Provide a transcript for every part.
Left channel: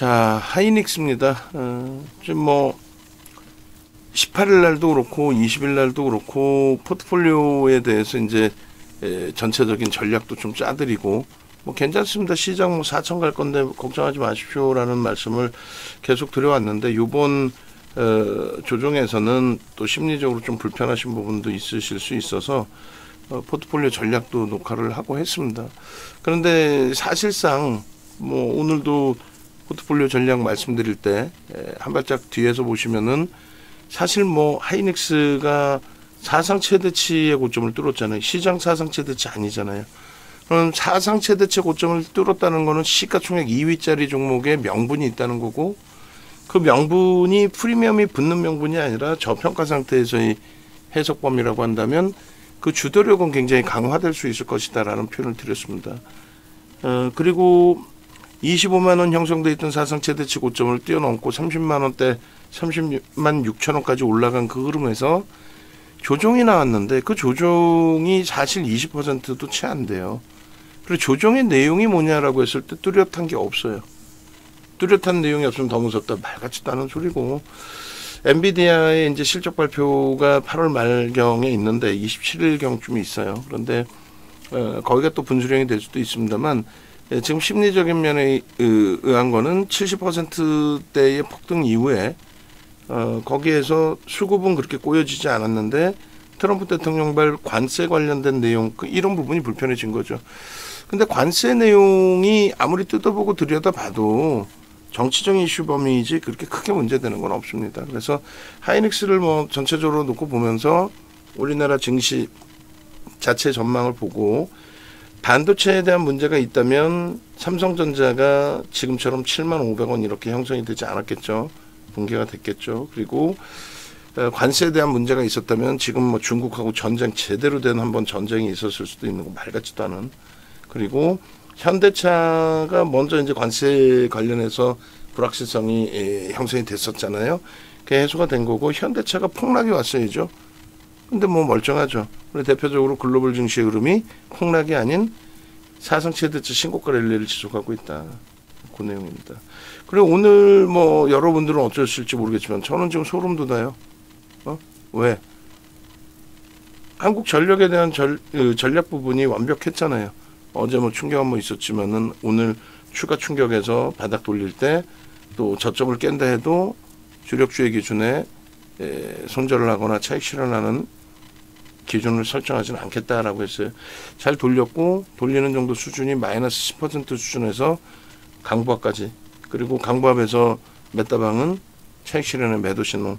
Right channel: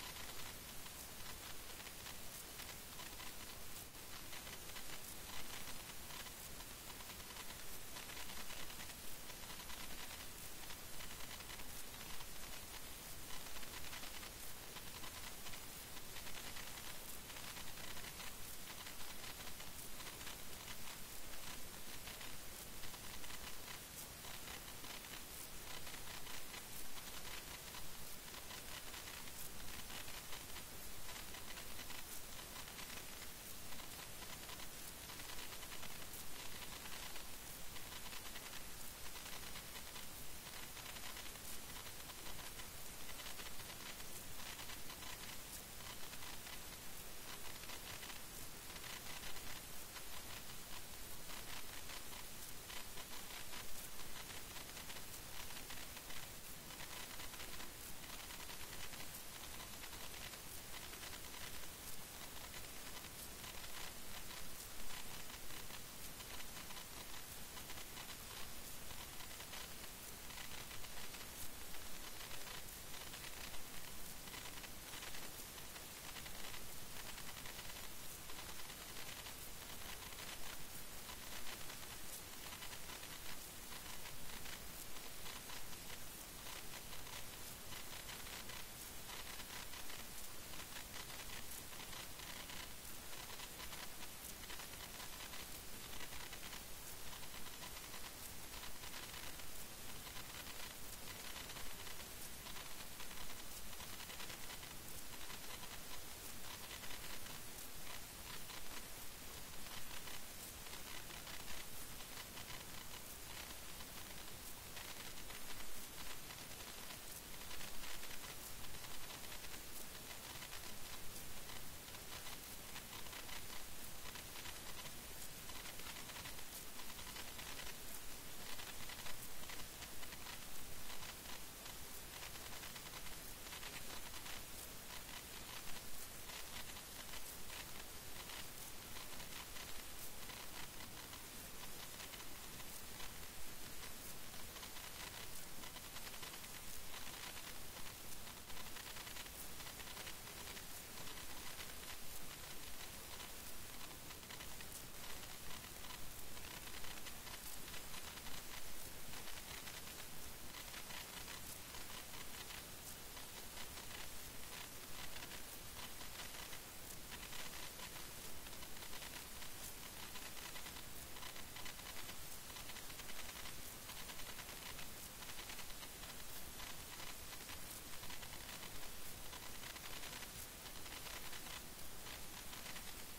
자, 하이닉스입니다. 지금 뭐 18일 날도 그렇고 20일 날도 그렇고 포트폴리오에 대해서 이제 전체적인 전략도 좀 짜드리고 뭐 괜찮습니다. 시장 뭐 4천 갈 건데 걱정하지 마십시오라는 말씀을 계속 드려왔는데 요번 조정에서는 또 심리적으로 좀 불편하신 부분도 있으실 수 있어서 포트폴리오 전략도 녹화를 하고 했습니다. 그런데 사실상 뭐 오늘도 포트폴리오 전략 말씀드릴 때 한 발짝 뒤에서 보시면은 사실 뭐 하이닉스가 사상 최대치의 고점을 뚫었잖아요. 시장 사상 최대치 아니잖아요. 그럼 사상 최대치 고점을 뚫었다는 거는 시가총액 2위짜리 종목에 명분이 있다는 거고, 그 명분이 프리미엄이 붙는 명분이 아니라 저평가 상태에서의 해석 범위라고 한다면 그 주도력은 굉장히 강화될 수 있을 것이다라는 표현을 드렸습니다. 그리고 25만원 형성돼 있던 사상 최대치 고점을 뛰어넘고 30만원대 30만 6천원까지 올라간 그 흐름에서 조정이 나왔는데 그 조정이 사실 20%도 채 안 돼요. 그리고 조정의 내용이 뭐냐라고 했을 때 뚜렷한 게 없어요. 뚜렷한 내용이 없으면 더 무섭다. 말 같지도 않은 소리고, 엔비디아의 이제 실적 발표가 8월 말경에 있는데 27일경쯤에 있어요. 그런데 거기가 또 분수령이 될 수도 있습니다만 지금 심리적인 면에 의한 거는 70%대의 폭등 이후에 거기에서 수급은 그렇게 꼬여지지 않았는데 트럼프 대통령발 관세 관련된 내용 이런 부분이 불편해진 거죠. 근데 관세 내용이 아무리 뜯어보고 들여다봐도 정치적인 이슈 범위이지 그렇게 크게 문제되는 건 없습니다. 그래서 하이닉스를 뭐 전체적으로 놓고 보면서 우리나라 증시 자체 전망을 보고 반도체에 대한 문제가 있다면 삼성전자가 지금처럼 75,500원 이렇게 형성이 되지 않았겠죠. 붕괴가 됐겠죠. 그리고 관세에 대한 문제가 있었다면 지금 뭐 중국하고 전쟁 제대로 된 한번 전쟁이 있었을 수도 있는 거 말 같지도 않은. 그리고 현대차가 먼저 이제 관세 관련해서 불확실성이 형성이 됐었잖아요. 그게 해소가 된 거고 현대차가 폭락이 왔어야죠. 근데 뭐 멀쩡하죠. 우리 대표적으로 글로벌 증시의 흐름이 폭락이 아닌 사상 최대치 신고가 랠리를 지속하고 있다. 그 내용입니다. 그리고 오늘 뭐 여러분들은 어쩌실지 모르겠지만 저는 지금 소름 돋아요. 왜? 한국전력에 대한 전략 부분이 완벽했잖아요. 어제 뭐 충격 한번 있었지만은 오늘 추가 충격에서 바닥 돌릴 때 또 저점을 깬다 해도 주력주의 기준에 손절을 하거나 차익 실현하는 기준을 설정하지는 않겠다라고 했어요. 잘 돌렸고 돌리는 정도 수준이 마이너스 10% 수준에서 강보합까지, 그리고 강보합에서 메타방은 차익 실현의 매도 신호,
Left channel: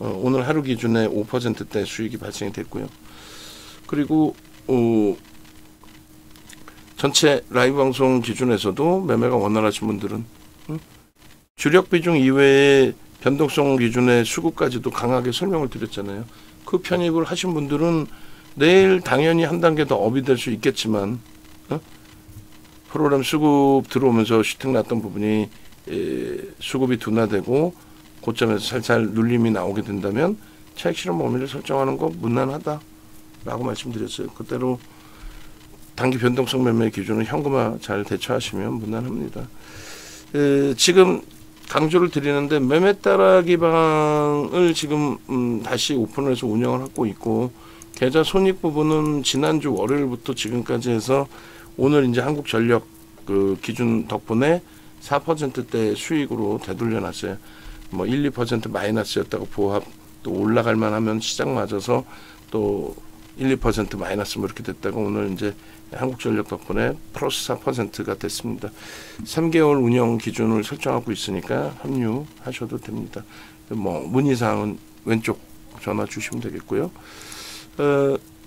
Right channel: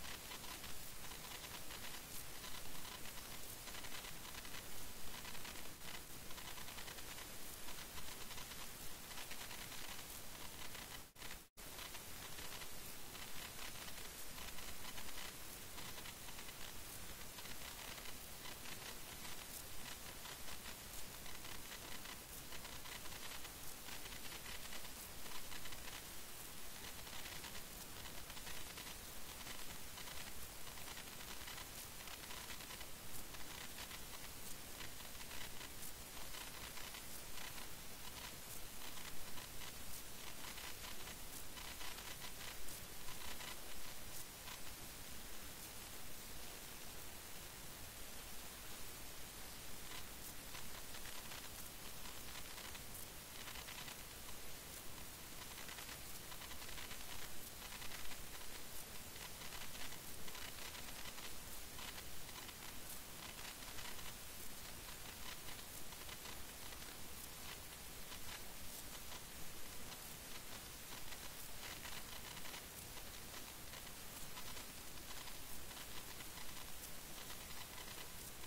오늘 하루 기준에 5%대 수익이 발생이 됐고요. 그리고 전체 라이브 방송 기준에서도 매매가 원활하신 분들은 주력 비중 이외에 변동성 기준의 수급까지도 강하게 설명을 드렸잖아요. 그 편입을 하신 분들은 내일 당연히 한 단계 더 업이 될 수 있겠지만 프로그램 수급 들어오면서 슈팅 났던 부분이 수급이 둔화되고 고점에서 살살 눌림이 나오게 된다면 차익 실현 범위를 설정하는 거 무난하다라고 말씀드렸어요. 그대로 단기 변동성 매매 기준은 현금화 잘 대처하시면 무난합니다. 지금 강조를 드리는데 매매 따라 기방을 지금 다시 오픈을 해서 운영을 하고 있고, 계좌 손익 부분은 지난주 월요일부터 지금까지 해서 오늘 이제 한국전력 그 기준 덕분에 4%대 수익으로 되돌려 놨어요. 뭐 1, 2% 마이너스였다고 보합 또 올라갈 만하면 시장 맞아서 또 1, 2% 마이너스 뭐 이렇게 됐다가 오늘 이제 한국전력 덕분에 플러스 4%가 됐습니다. 3개월 운영 기준을 설정하고 있으니까 합류하셔도 됩니다. 뭐 문의사항은 왼쪽 전화 주시면 되겠고요.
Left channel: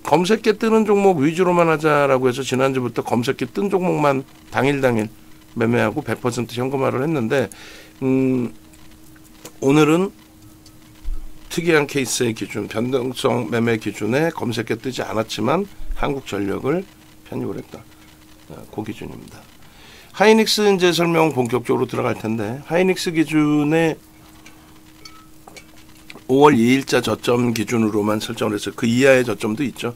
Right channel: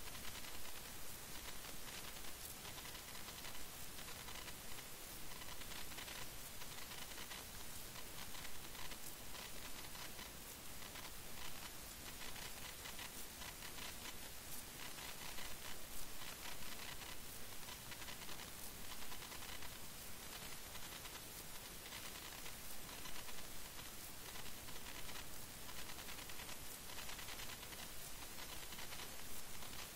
검색계 뜨는 종목 위주로만 하자라고 해서 지난주부터 검색계 뜬 종목만 당일 매매하고 100% 현금화를 했는데 오늘은 특이한 케이스의 기준, 변동성 매매 기준에 검색계 뜨지 않았지만 한국전력을 편입을 했다. 그 기준입니다. 하이닉스 이제 설명 본격적으로 들어갈 텐데, 하이닉스 기준에 5월 2일자 저점 기준으로만 설정을 해서 그 이하의 저점도 있죠.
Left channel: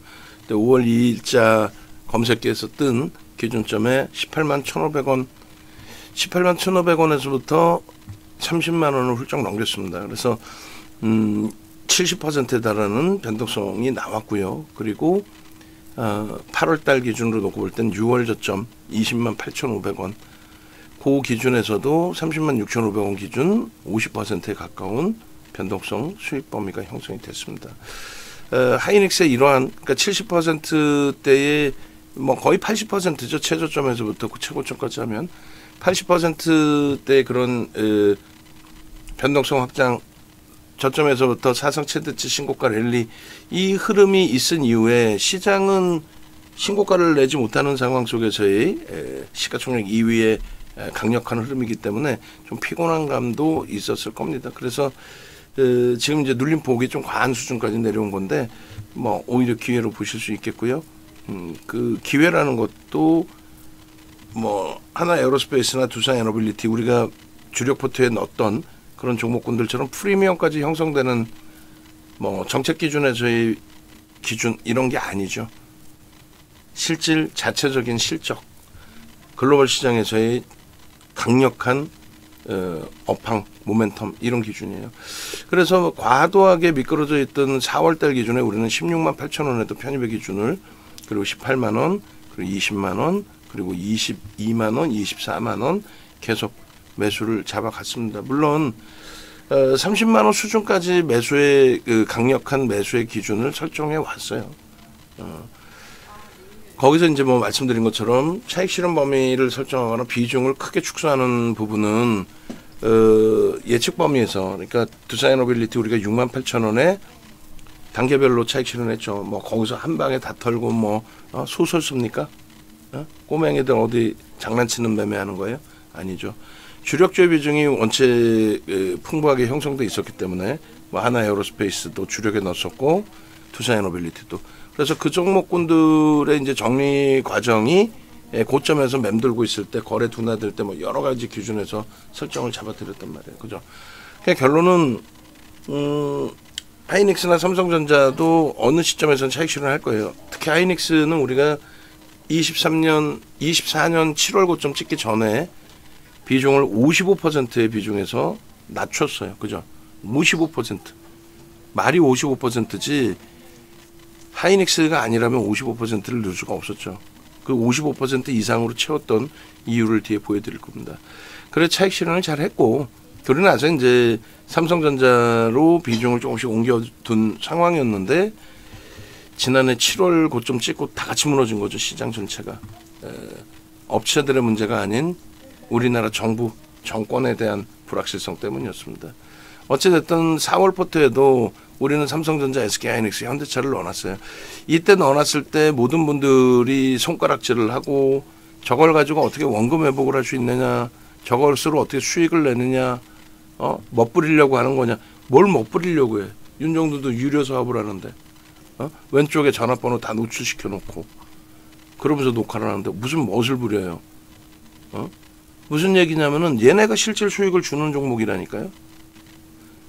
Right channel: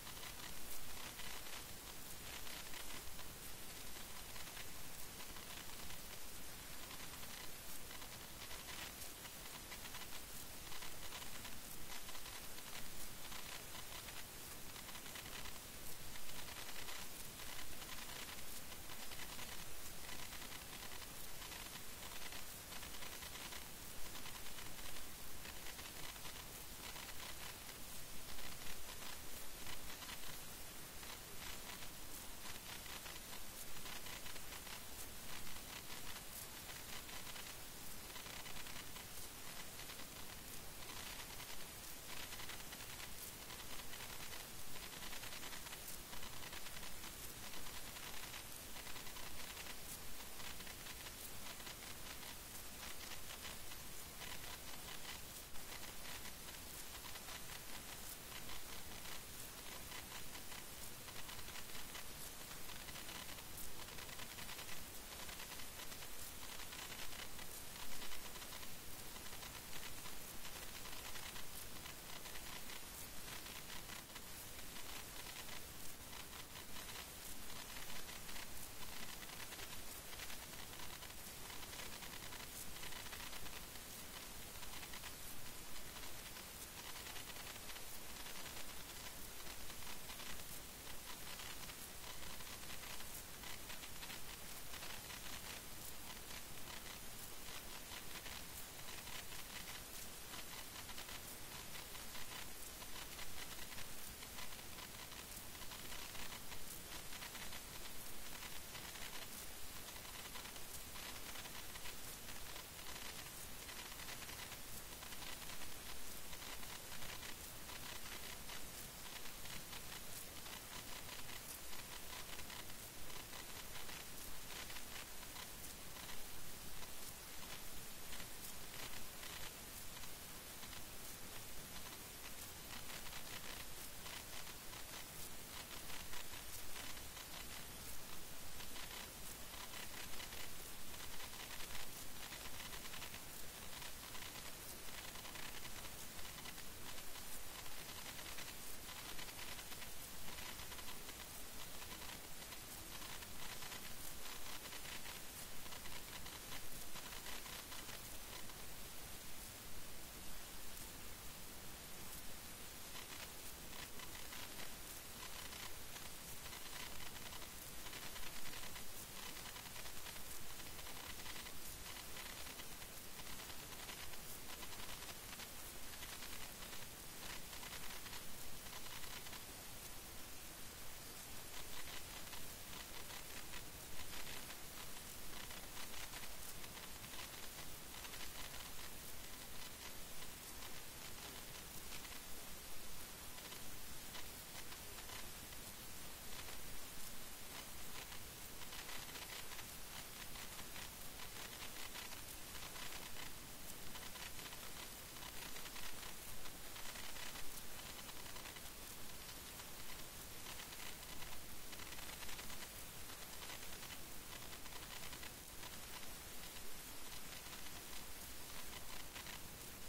근데 5월 2일자 검색기에서 뜬 기준점에 18만 1,500원, 18만 1,500원에서부터 30만 원을 훌쩍 넘겼습니다. 그래서 70%에 달하는 변동성이 나왔고요. 그리고 8월 달 기준으로 놓고 볼 땐 6월 저점 20만 8,500원 그 기준에서도 30만 6,500원 기준 50%에 가까운 변동성 수익 범위가 형성이 됐습니다. 하이닉스의 이러한 그러니까 70%대의 뭐 거의 80%죠. 최저점에서부터 그 최고점까지 하면 80%대 그런 변동성 확장 저점에서부터 사상 최대치 신고가 랠리 이 흐름이 있은 이후에 시장은 신고가를 내지 못하는 상황 속에서의 시가총액 2위의 강력한 흐름이기 때문에 좀 피곤한 감도 있었을 겁니다. 그래서 지금 이제 눌림 폭이 좀 과한 수준까지 내려온 건데 뭐 오히려 기회로 보실 수 있겠고요. 그 기회라는 것도 뭐 하나 에어로스페이스나 두산 에너빌리티 우리가 주력 포트에 넣었던 그런 종목군들처럼 프리미엄까지 형성되는 뭐 정책 기준에서의 기준 이런 게 아니죠. 실질 자체적인 실적 글로벌 시장에서의 강력한 업황 모멘텀 이런 기준이에요. 그래서 과도하게 미끄러져 있던 4월달 기준에 우리는 16만 8천 원에도 편입의 기준을 그리고 18만 원 그리고 20만 원 그리고 22만 원 24만 원 계속 매수를 잡아갔습니다. 물론 30만 원 수준까지 매수의 강력한 매수의 기준을 설정해 왔어요. 거기서 이제 뭐 말씀드린 것처럼 차익 실현 범위를 설정하거나 비중을 크게 축소하는 부분은 예측 범위에서 그러니까 두산 에너빌리티 우리가 6만 8천 원에 단계별로 차익 실현했죠. 뭐 거기서 한 방에 다 털고 뭐 소설 씁니까? 꼬맹이들 어디 장난치는 매매하는 거예요? 아니죠. 주력주의 비중이 원체 풍부하게 형성돼 있었기 때문에 뭐 하나 에어로스페이스도 주력에 넣었었고 두산 에너빌리티도 그래서 그 종목군들의 이제 정리 과정이 고점에서 맴돌고 있을 때 거래 둔화될 때 뭐 여러 가지 기준에서 설정을 잡아드렸단 말이에요. 그죠? 그러니까 결론은 하이닉스나 삼성전자도 어느 시점에서는 차익 실현할 거예요. 특히 하이닉스는 우리가 24년 7월 고점 찍기 전에 비중을 55%의 비중에서 낮췄어요. 그죠? 55%. 말이 55%지 하이닉스가 아니라면 55%를 넣을 수가 없었죠. 그 55% 이상으로 채웠던 이유를 뒤에 보여드릴 겁니다. 그래서 차익 실현을 잘 했고 그러고 나서 이제 삼성전자로 비중을 조금씩 옮겨둔 상황이었는데 지난해 7월 고점 찍고 다 같이 무너진 거죠. 시장 전체가. 업체들의 문제가 아닌 우리나라 정부, 정권에 대한 불확실성 때문이었습니다. 어찌됐든 4월 포트에도 우리는 삼성전자, SK하이닉스, 현대차를 넣어놨어요. 이때 넣어놨을 때 모든 분들이 손가락질을 하고 저걸 가지고 어떻게 원금 회복을 할 수 있느냐, 저것으로 어떻게 수익을 내느냐, 멋부리려고 하는 거냐. 뭘 멋부리려고 해. 윤정도도 유료 사업을 하는데 왼쪽에 전화번호 다 노출시켜 놓고 그러면서 녹화를 하는데 무슨 멋을 부려요. 무슨 얘기냐면은 얘네가 실질 수익을 주는 종목이라니까요.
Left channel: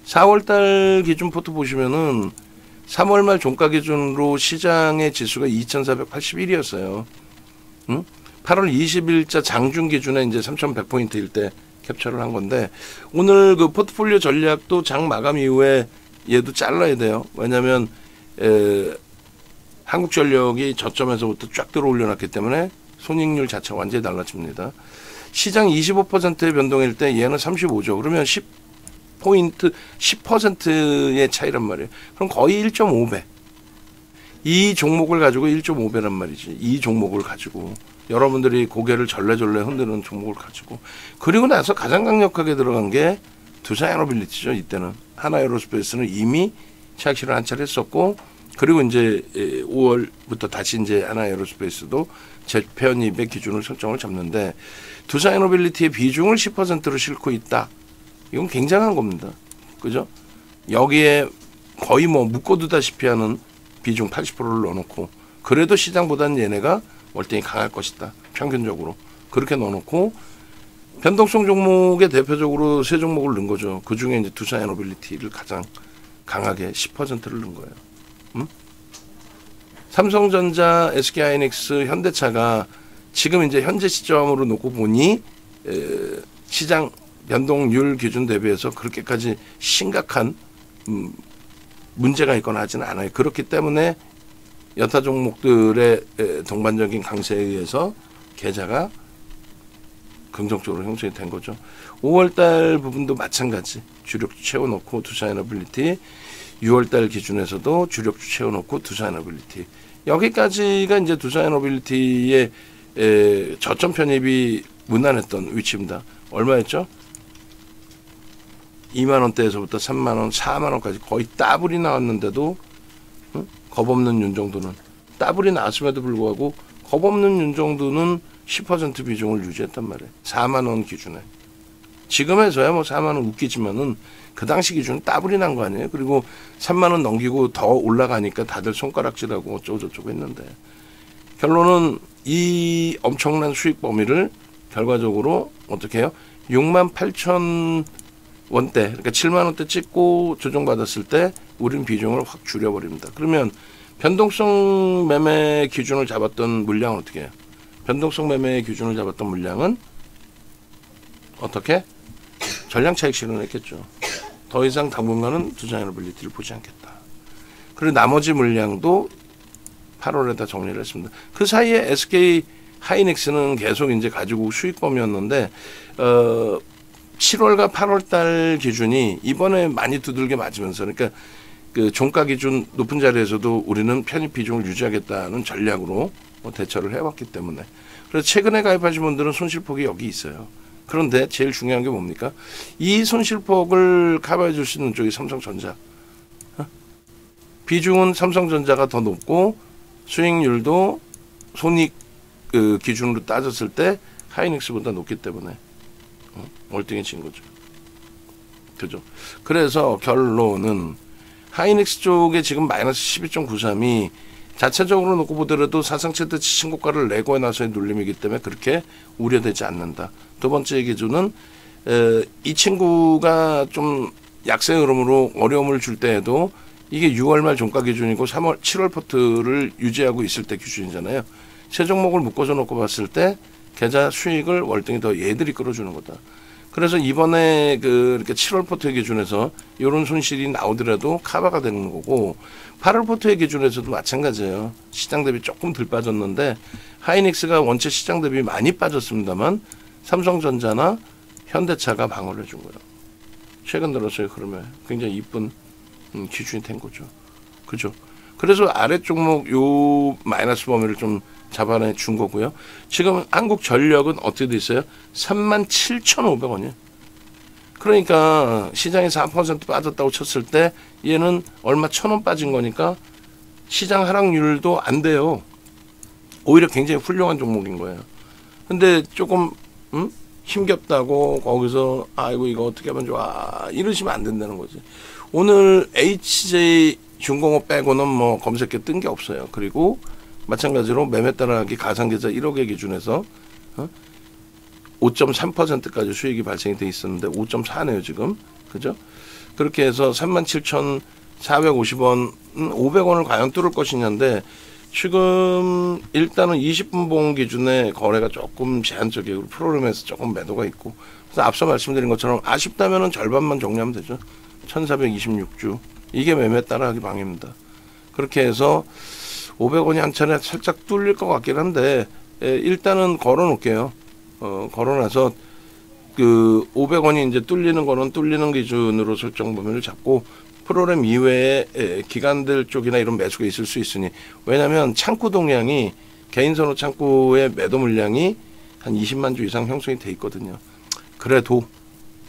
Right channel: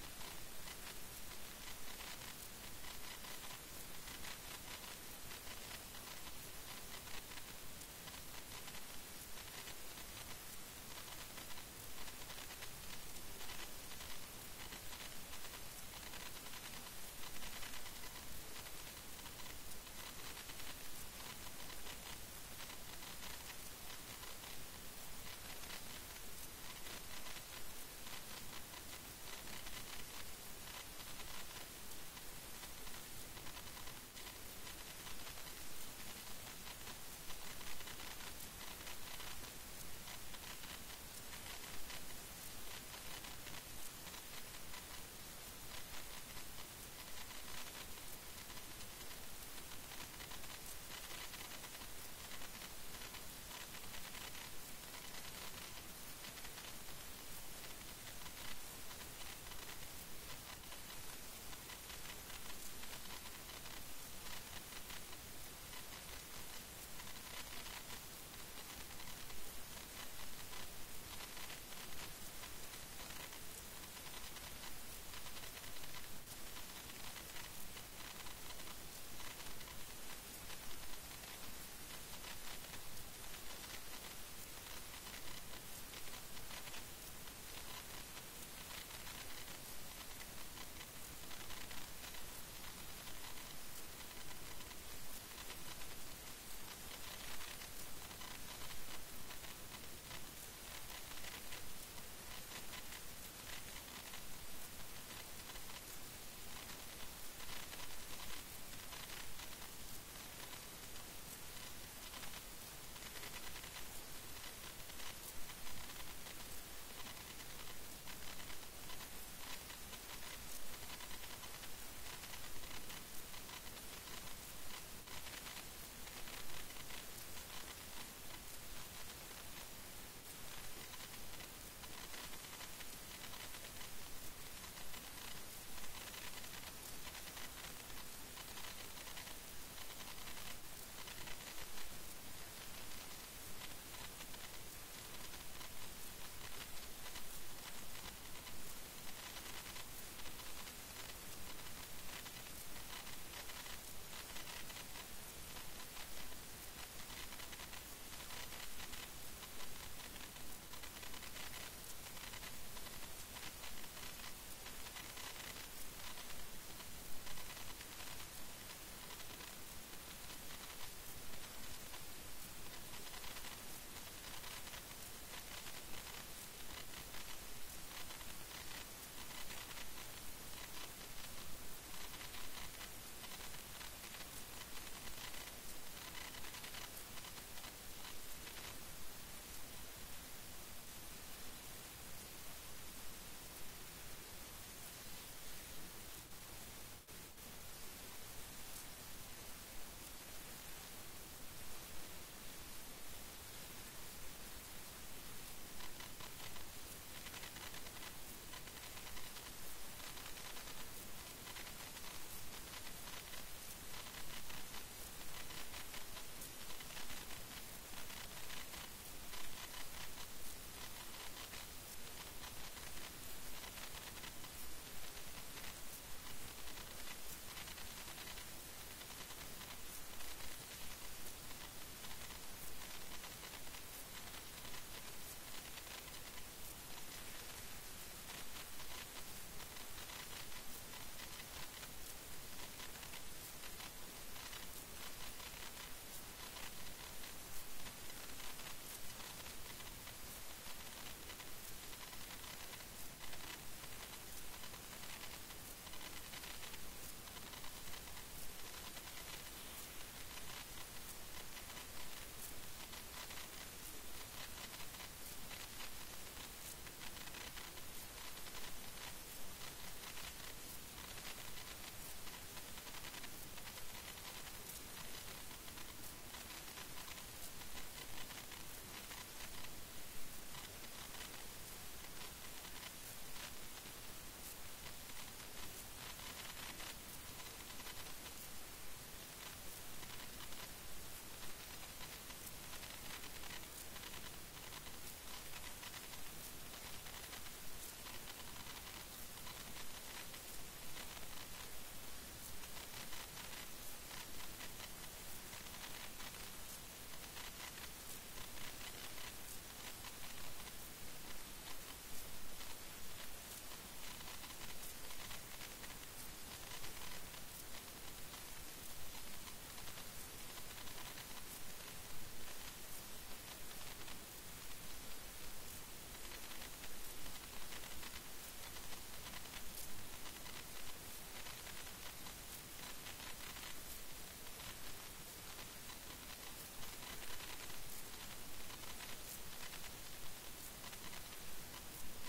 4월달 기준 포트 보시면은 3월 말 종가 기준으로 시장의 지수가 2,481이었어요. 8월 20일자 장중 기준에 이제 3,100포인트일 때 캡처를 한 건데 오늘 그 포트폴리오 전략도 장 마감 이후에 얘도 잘라야 돼요. 왜냐하면 한국전력이 저점에서부터 쫙 들어 올려놨기 때문에 손익률 자체가 완전히 달라집니다. 시장 25%의 변동일 때 얘는 35죠. 그러면 10포인트, 10%의 차이란 말이에요. 그럼 거의 1.5배. 이 종목을 가지고 1.5배란 말이지. 이 종목을 가지고 여러분들이 고개를 절레절레 흔드는 종목을 가지고 그리고 나서 가장 강력하게 들어간 게 두산 에너빌리티죠. 이때는 하나 에어로스페이스는 이미 차익 실현 한 차례 했었고 그리고 이제 5월부터 다시 이제 하나 에어로스페이스도 재편입의 기준을 설정을 잡는데 두산 에너빌리티의 비중을 10%로 싣고 있다. 이건 굉장한 겁니다. 그죠? 여기에 거의 뭐 묶어두다시피 하는 비중 80%를 넣어놓고 그래도 시장보다는 얘네가 월등히 강할 것이다. 평균적으로. 그렇게 넣어놓고 변동성 종목에 대표적으로 세 종목을 넣은 거죠. 그 중에 이제 두산 에너빌리티를 가장 강하게 10%를 넣은 거예요. 삼성전자, SK하이닉스, 현대차가 지금 이제 현재 시점으로 놓고 보니 시장 변동률 기준 대비해서 그렇게까지 심각한 문제가 있거나 하지는 않아요. 그렇기 때문에 여타 종목들의 동반적인 강세에 의해서 계좌가 긍정적으로 형성이 된 거죠. 5월달 부분도 마찬가지. 주력주 채워놓고 투자에너빌리티, 6월달 기준에서도 주력주 채워놓고 투자에너빌리티. 여기까지가 이제 투자에너빌리티의 저점 편입이 무난했던 위치입니다. 얼마였죠? 2만 원대에서부터 3만 원, 4만 원까지 거의 더블이 나왔는데도 겁없는 윤 정도는 더블이 나왔음에도 불구하고 겁없는 윤 정도는 10% 비중을 유지했단 말이에요. 4만 원 기준에. 지금에서야 뭐 4만 원 웃기지만은 그 당시 기준은 더블이 난 거 아니에요. 그리고 3만 원 넘기고 더 올라가니까 다들 손가락질하고 어쩌고저쩌고 했는데 결론은 이 엄청난 수익 범위를 결과적으로 어떻게 해요? 6만 8천 원대, 그러니까 7만 원대 찍고 조정받았을 때 우린 비중을 확 줄여버립니다. 그러면 변동성 매매 기준을 잡았던 물량은 어떻게 해요? 변동성 매매 기준을 잡았던 물량은 어떻게? 전량 차익 실현했겠죠. 더 이상 당분간은 투자에너빌리티를 보지 않겠다. 그리고 나머지 물량도 8월에다 정리를 했습니다. 그 사이에 SK 하이닉스는 계속 이제 가지고 수익 범위였는데 7월과 8월 달 기준이 이번에 많이 두들겨 맞으면서 그러니까 그 종가 기준 높은 자리에서도 우리는 편입 비중을 유지하겠다는 전략으로 대처를 해왔기 때문에 그래서 최근에 가입하신 분들은 손실폭이 여기 있어요. 그런데 제일 중요한 게 뭡니까? 이 손실폭을 커버해 줄 수 있는 쪽이 삼성전자. 비중은 삼성전자가 더 높고 수익률도 손익 그 기준으로 따졌을 때 하이닉스보다 높기 때문에 월등해진 거죠. 그죠? 그래서 결론은 하이닉스 쪽에 지금 마이너스 12.93이 자체적으로 놓고 보더라도 사상 최대 신고가를 내고 나서의 눌림이기 때문에 그렇게 우려되지 않는다. 두 번째 기준은 이 친구가 좀 약세 흐름으로 어려움을 줄 때에도 이게 6월 말 종가 기준이고 3월, 7월 포트를 유지하고 있을 때 기준이잖아요. 세 종목을 묶어서 놓고 봤을 때 계좌 수익을 월등히 더 얘들이 끌어주는 거다. 그래서 이번에 이렇게 7월 포트 기준에서 이런 손실이 나오더라도 커버가 되는 거고 8월 포트 기준에서도 마찬가지예요. 시장 대비 조금 덜 빠졌는데 하이닉스가 원체 시장 대비 많이 빠졌습니다만 삼성전자나 현대차가 방어를 해준 거예요. 최근 들어서의 흐름에 굉장히 이쁜 기준이 된 거죠. 그죠? 그래서 아래 종목 요 마이너스 범위를 좀 잡아내 준 거고요. 지금 한국전력은 어떻게 돼 있어요? 37,500원이에요. 그러니까 시장이 4% 빠졌다고 쳤을 때 얘는 얼마 1,000원 빠진 거니까 시장 하락률도 안 돼요. 오히려 굉장히 훌륭한 종목인 거예요. 근데 조금 힘겹다고 거기서 아이고 이거 어떻게 하면 좋아 이러시면 안 된다는 거지. 오늘 HJ중공업 빼고는 뭐 검색해 뜬 게 없어요. 그리고 마찬가지로 매매 따라하기 가상계좌 1억의 기준에서 5.3%까지 수익이 발생이 돼 있었는데 5.4네요 지금. 그죠? 그렇게 해서 37,450원 500원을 과연 뚫을 것이냐인데 지금 일단은 20분 봉 기준에 거래가 조금 제한적이고 프로그램에서 조금 매도가 있고 그래서 앞서 말씀드린 것처럼 아쉽다면은 절반만 정리하면 되죠. 1426주 이게 매매 따라하기 방입니다. 그렇게 해서 500원이 한 차례 살짝 뚫릴 것 같긴 한데 일단은 걸어 놓을게요. 걸어놔서 그 500원이 이제 뚫리는 거는 뚫리는 기준으로 설정 범위를 잡고 프로그램 이외에 기관들 쪽이나 이런 매수가 있을 수 있으니 왜냐하면 창구 동량이 개인선호 창구의 매도 물량이 한 20만 주 이상 형성이 돼 있거든요. 그래도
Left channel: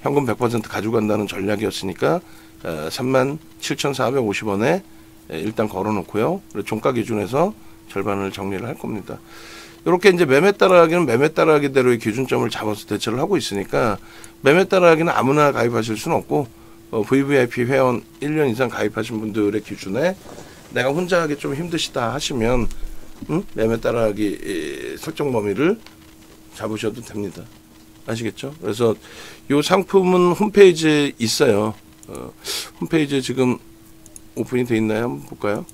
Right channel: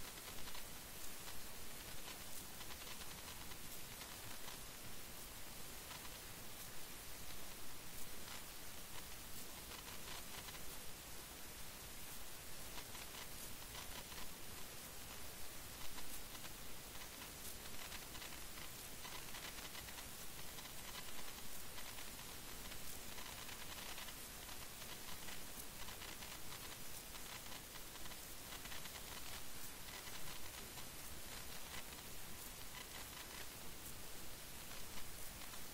현금 100% 가져간다는 전략이었으니까 37,450원에 일단 걸어놓고요. 종가 기준에서 절반을 정리를 할 겁니다. 이렇게 이제 매매 따라하기는 매매 따라하기대로의 기준점을 잡아서 대처를 하고 있으니까 매매 따라하기는 아무나 가입하실 수는 없고 VVIP 회원 1년 이상 가입하신 분들의 기준에 내가 혼자 하기 좀 힘드시다 하시면 매매 따라하기 설정 범위를 잡으셔도 됩니다. 아시겠죠? 그래서 이 상품은 홈페이지에 있어요. 홈페이지에 지금 오픈이 돼 있나요? 한번 볼까요?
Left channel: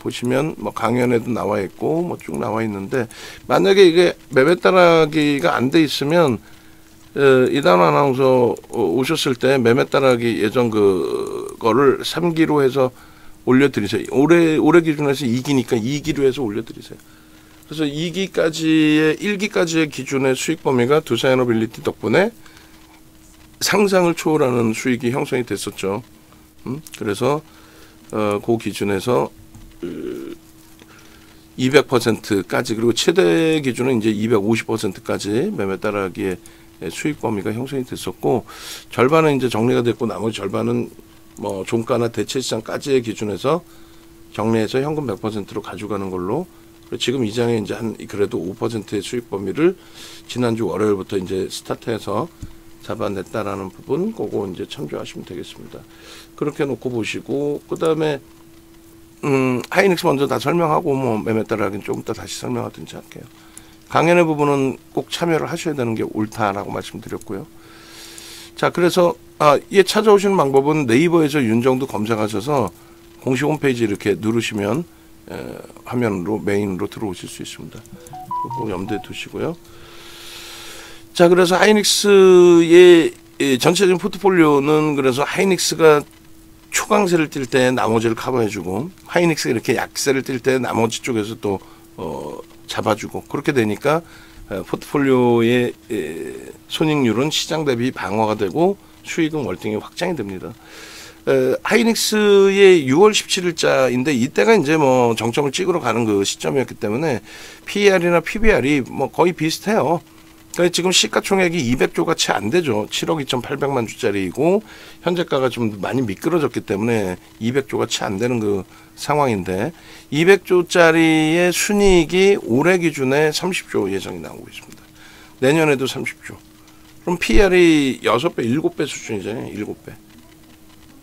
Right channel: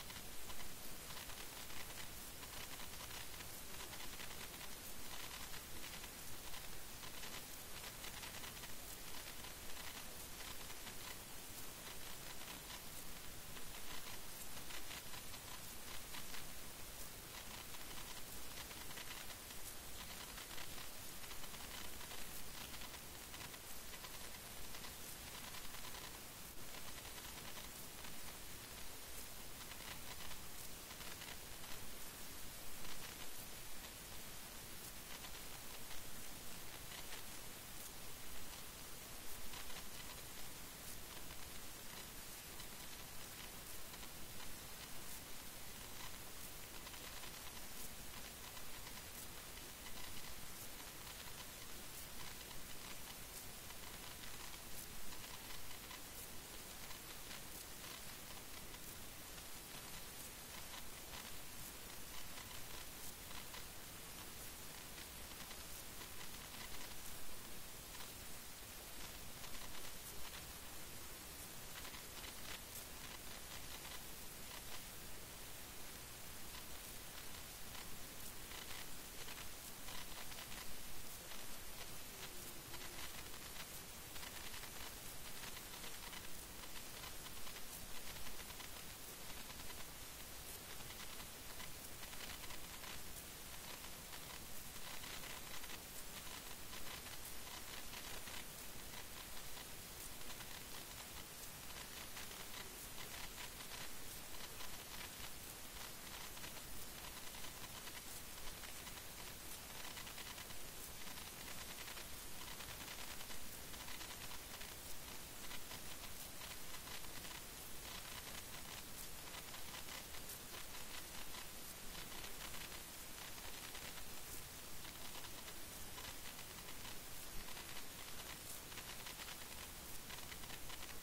보시면 뭐 강연에도 나와 있고 뭐 쭉 나와 있는데, 만약에 이게 매매 따라하기가 안 돼 있으면 이단 아나운서 오셨을 때 매매 따라하기 예전 그거를 3기로 해서 올려드리세요. 올해 기준에서 2기니까 2기로 해서 올려드리세요. 그래서 2기까지의 1기까지의 기준의 수익 범위가 두사이너빌리티 덕분에 상상을 초월하는 수익이 형성이 됐었죠. 그래서 그 기준에서 200%까지, 그리고 최대 기준은 이제 250%까지 매매 따라하기에 수익 범위가 형성이 됐었고, 절반은 이제 정리가 됐고 나머지 절반은 뭐 종가나 대체 시장까지의 기준에서 정리해서 현금 100%로 가져가는 걸로, 지금 이 장에 이제 한 그래도 5%의 수익 범위를 지난주 월요일부터 이제 스타트해서 잡아냈다라는 부분, 그거 이제 참조하시면 되겠습니다. 그렇게 놓고 보시고, 그 다음에 하이닉스 먼저 다 설명하고 뭐 매매 따라하기는 조금 이따 다시 설명하든지 할게요. 강연의 부분은 꼭 참여를 하셔야 되는 게 옳다라고 말씀드렸고요. 자, 그래서 예, 찾아오시는 방법은 네이버에서 윤정두 검색하셔서 공식 홈페이지 이렇게 누르시면 화면으로 메인으로 들어오실 수 있습니다. 꼭 염두에 두시고요. 자, 그래서 하이닉스의 전체적인 포트폴리오는, 그래서 하이닉스가 초강세를 띌 때 나머지를 커버해주고, 하이닉스가 이렇게 약세를 띌 때 나머지 쪽에서 또 잡아주고, 그렇게 되니까 포트폴리오의 손익률은 시장 대비 방어가 되고 수익은 월등히 확장이 됩니다. 하이닉스의 6월 17일자인데 이때가 이제 뭐 정점을 찍으러 가는 그 시점이었기 때문에 PER이나 PBR이 뭐 거의 비슷해요. 그러니까 지금 시가총액이 200조가 채 안 되죠. 7억 2,800만 주짜리이고 현재가가 좀 많이 미끄러졌기 때문에 200조가 채 안 되는 그 상황인데, 200조짜리의 순이익이 올해 기준에 30조 예정이 나오고 있습니다. 내년에도 30조. 그럼 PER이 6배, 7배 수준이잖아요. 7배.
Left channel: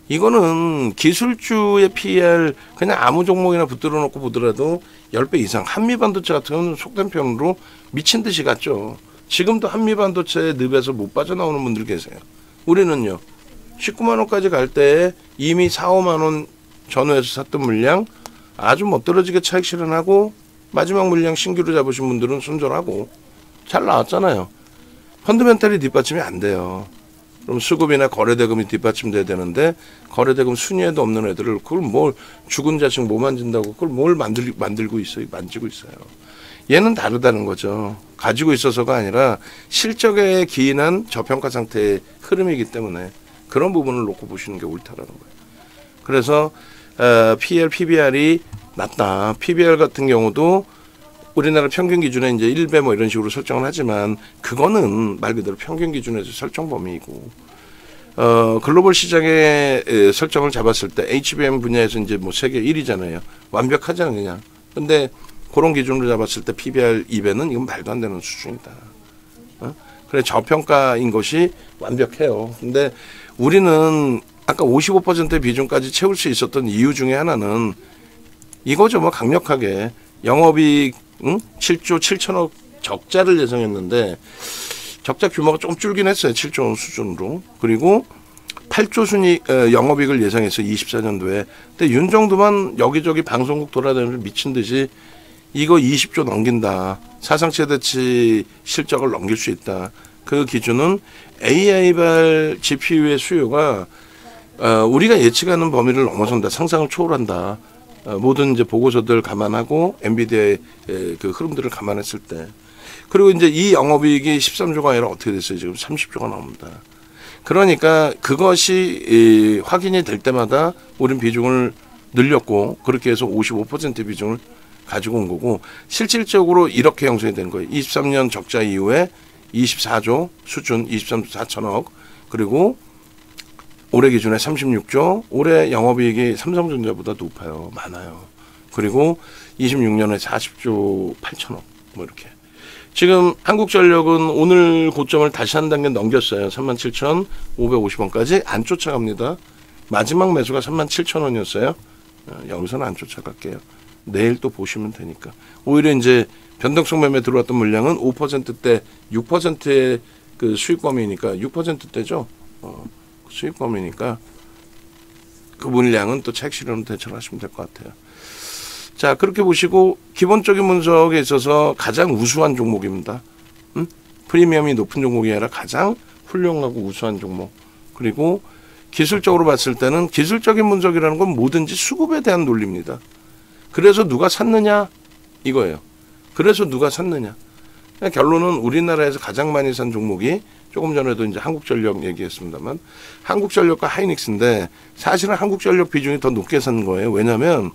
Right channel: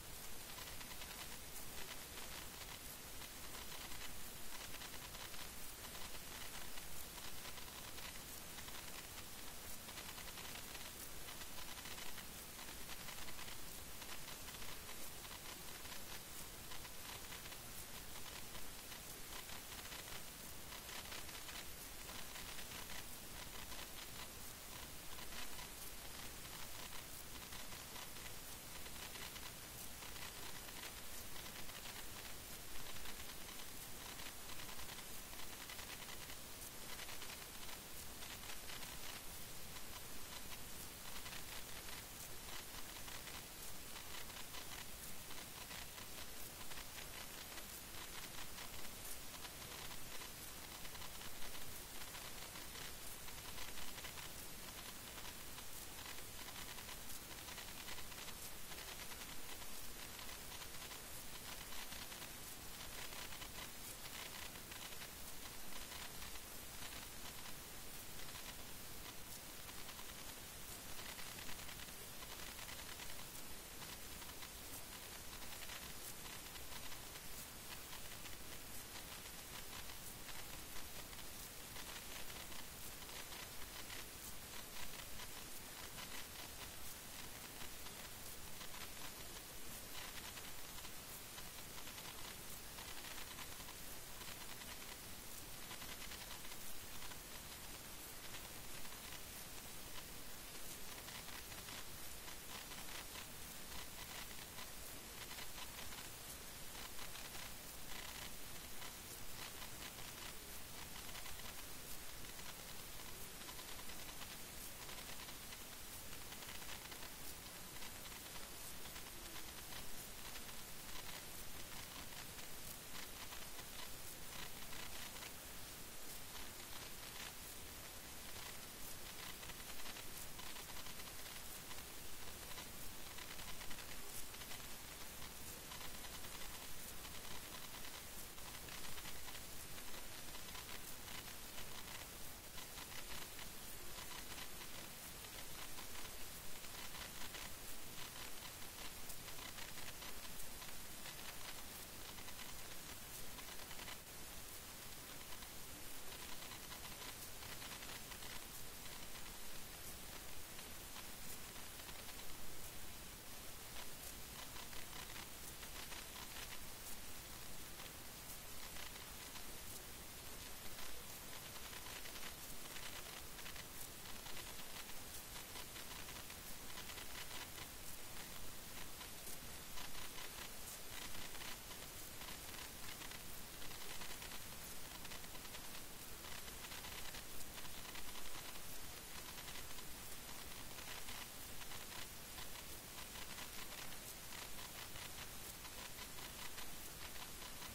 이거는 기술주의 PER 그냥 아무 종목이나 붙들어 놓고 보더라도 10배 이상. 한미반도체 같은 경우는 속된 표현으로 미친 듯이 갔죠. 지금도 한미반도체의 늪에서 못 빠져나오는 분들 계세요. 우리는요, 19만 원까지 갈 때 이미 4, 5만 원 전후에서 샀던 물량 아주 멋들어지게 차익 실현하고, 마지막 물량 신규로 잡으신 분들은 손절하고 잘 나왔잖아요. 펀드멘탈이 뒷받침이 안 돼요. 그럼 수급이나 거래대금이 뒷받침돼야 되는데, 거래대금 순위에도 없는 애들을 그걸 뭘 죽은 자식 뭐 만진다고 그걸 뭘 만지고 있어요. 얘는 다르다는 거죠. 가지고 있어서가 아니라 실적에 기인한 저평가 상태의 흐름이기 때문에 그런 부분을 놓고 보시는 게 옳다라는 거예요. 그래서 PER, PBR이 낮다. PBR 같은 경우도 우리나라 평균 기준에 이제 1배 뭐 이런 식으로 설정을 하지만, 그거는 말 그대로 평균 기준에서 설정 범위이고, 글로벌 시장의 설정을 잡았을 때 HBM 분야에서 이제 뭐 세계 1위잖아요. 완벽하잖아요, 그냥. 근데 그런 기준으로 잡았을 때 PBR 2배는 이건 말도 안 되는 수준이다. 그래, 저평가인 것이 완벽해요. 근데 우리는 아까 55%의 비중까지 채울 수 있었던 이유 중에 하나는 이거죠. 뭐 강력하게 영업이익 7조 7천억 적자를 예상했는데 적자 규모가 좀 줄긴 했어요. 7조 원 수준으로. 그리고 8조 순이익 영업이익을 예상했어요. 24년도에. 근데 윤정두만 여기저기 방송국 돌아다니면서 미친 듯이 이거 20조 넘긴다. 사상 최대치 실적을 넘길 수 있다. 그 기준은 AI발 GPU의 수요가 우리가 예측하는 범위를 넘어선다. 상상을 초월한다. 모든 이제 보고서들 감안하고 엔비디아의 그 흐름들을 감안했을 때, 그리고 이제 이 영업이익이 13조가 아니라 어떻게 됐어요? 지금 30조가 나옵니다. 그러니까 그것이 확인이 될 때마다 우린 비중을 늘렸고, 그렇게 해서 55% 비중을 가지고 온 거고, 실질적으로 이렇게 형성이 된 거예요. 23년 적자 이후에 24조 수준, 23조 4천억, 그리고 올해 기준에 36조, 올해 영업이익이 삼성전자보다 높아요. 많아요. 그리고 26년에 40조 8천억, 뭐 이렇게. 지금 한국전력은 오늘 고점을 다시 한 단계 넘겼어요. 37,550원까지 안 쫓아갑니다. 마지막 매수가 37,000원이었어요. 여기서는 안 쫓아갈게요. 내일 또 보시면 되니까. 오히려 이제 변동성 매매 들어왔던 물량은 5%대 6%의 그 수익 범위니까 6%대죠. 수익 범위니까 그 물량은 또 차익 실현으로 대처하시면 될 것 같아요. 자, 그렇게 보시고 기본적인 분석에 있어서 가장 우수한 종목입니다. 프리미엄이 높은 종목이 아니라 가장 훌륭하고 우수한 종목. 그리고 기술적으로 봤을 때는 기술적인 분석이라는 건 뭐든지 수급에 대한 논리입니다. 그래서 누가 샀느냐 이거예요. 그래서 누가 샀느냐. 결론은 우리나라에서 가장 많이 산 종목이 조금 전에도 이제 한국전력 얘기했습니다만 한국전력과 하이닉스인데 사실은 한국전력 비중이 더 높게 산 거예요. 왜냐하면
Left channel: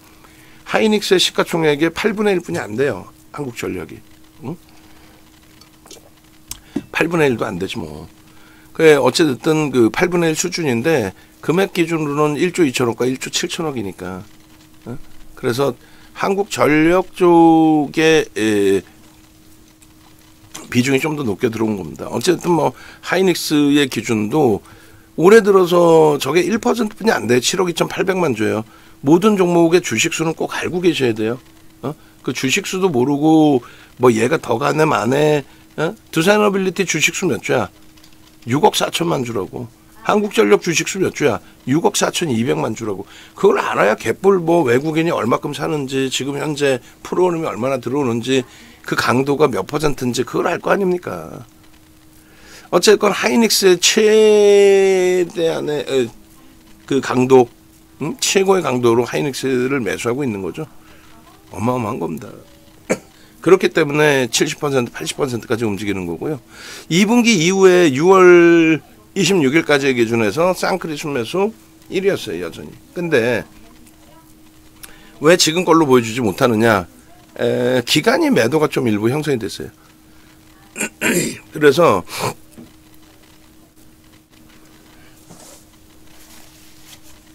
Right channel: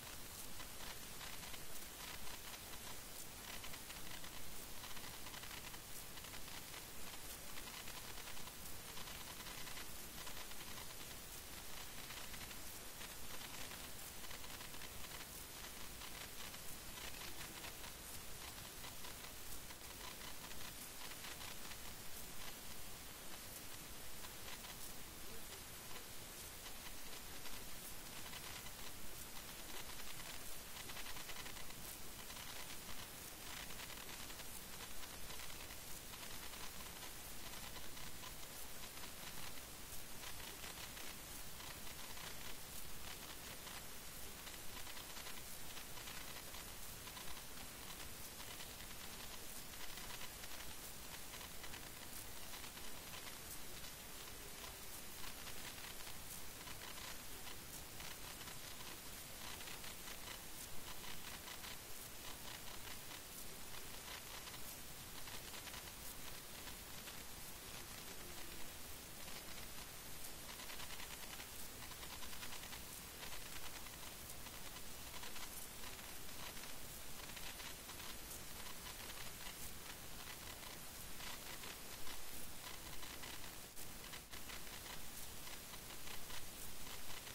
하이닉스의 시가총액의 8분의 1뿐이 안 돼요. 한국전력이. 응? 8분의 1도 안 되지 뭐. 그래 어쨌든 그 8분의 1 수준인데 금액 기준으로는 1조 2천억과 1조 7천억이니까. 응? 그래서 한국전력 쪽에 비중이 좀 더 높게 들어온 겁니다. 어쨌든 뭐 하이닉스의 기준도 올해 들어서 저게 1%뿐이 안 돼요. 7억 2,800만 줘요. 모든 종목의 주식수는 꼭 알고 계셔야 돼요. 그 주식수도 모르고 뭐 얘가 더 가네 마네. 두산어빌리티 주식수 몇 주야? 6억 4천만 주라고. 한국전력 주식수 몇 주야? 6억 4,200만 주라고. 그걸 알아야 갯불 뭐 외국인이 얼마큼 사는지 지금 현재 프로그램이 얼마나 들어오는지 그 강도가 몇 %인지 그걸 알 거 아닙니까? 어쨌건 하이닉스의 최대한의 그 강도, 최고의 강도로 하이닉스를 매수하고 있는 거죠. 어마어마한 겁니다. 그렇기 때문에 70%, 80%까지 움직이는 거고요. 2분기 이후에 6월 26일까지의 기준에서 쌍크리 순매수 1위였어요, 여전히. 근데 왜 지금 걸로 보여주지 못하느냐? 기간이 매도가 좀 일부 형성이 됐어요. 그래서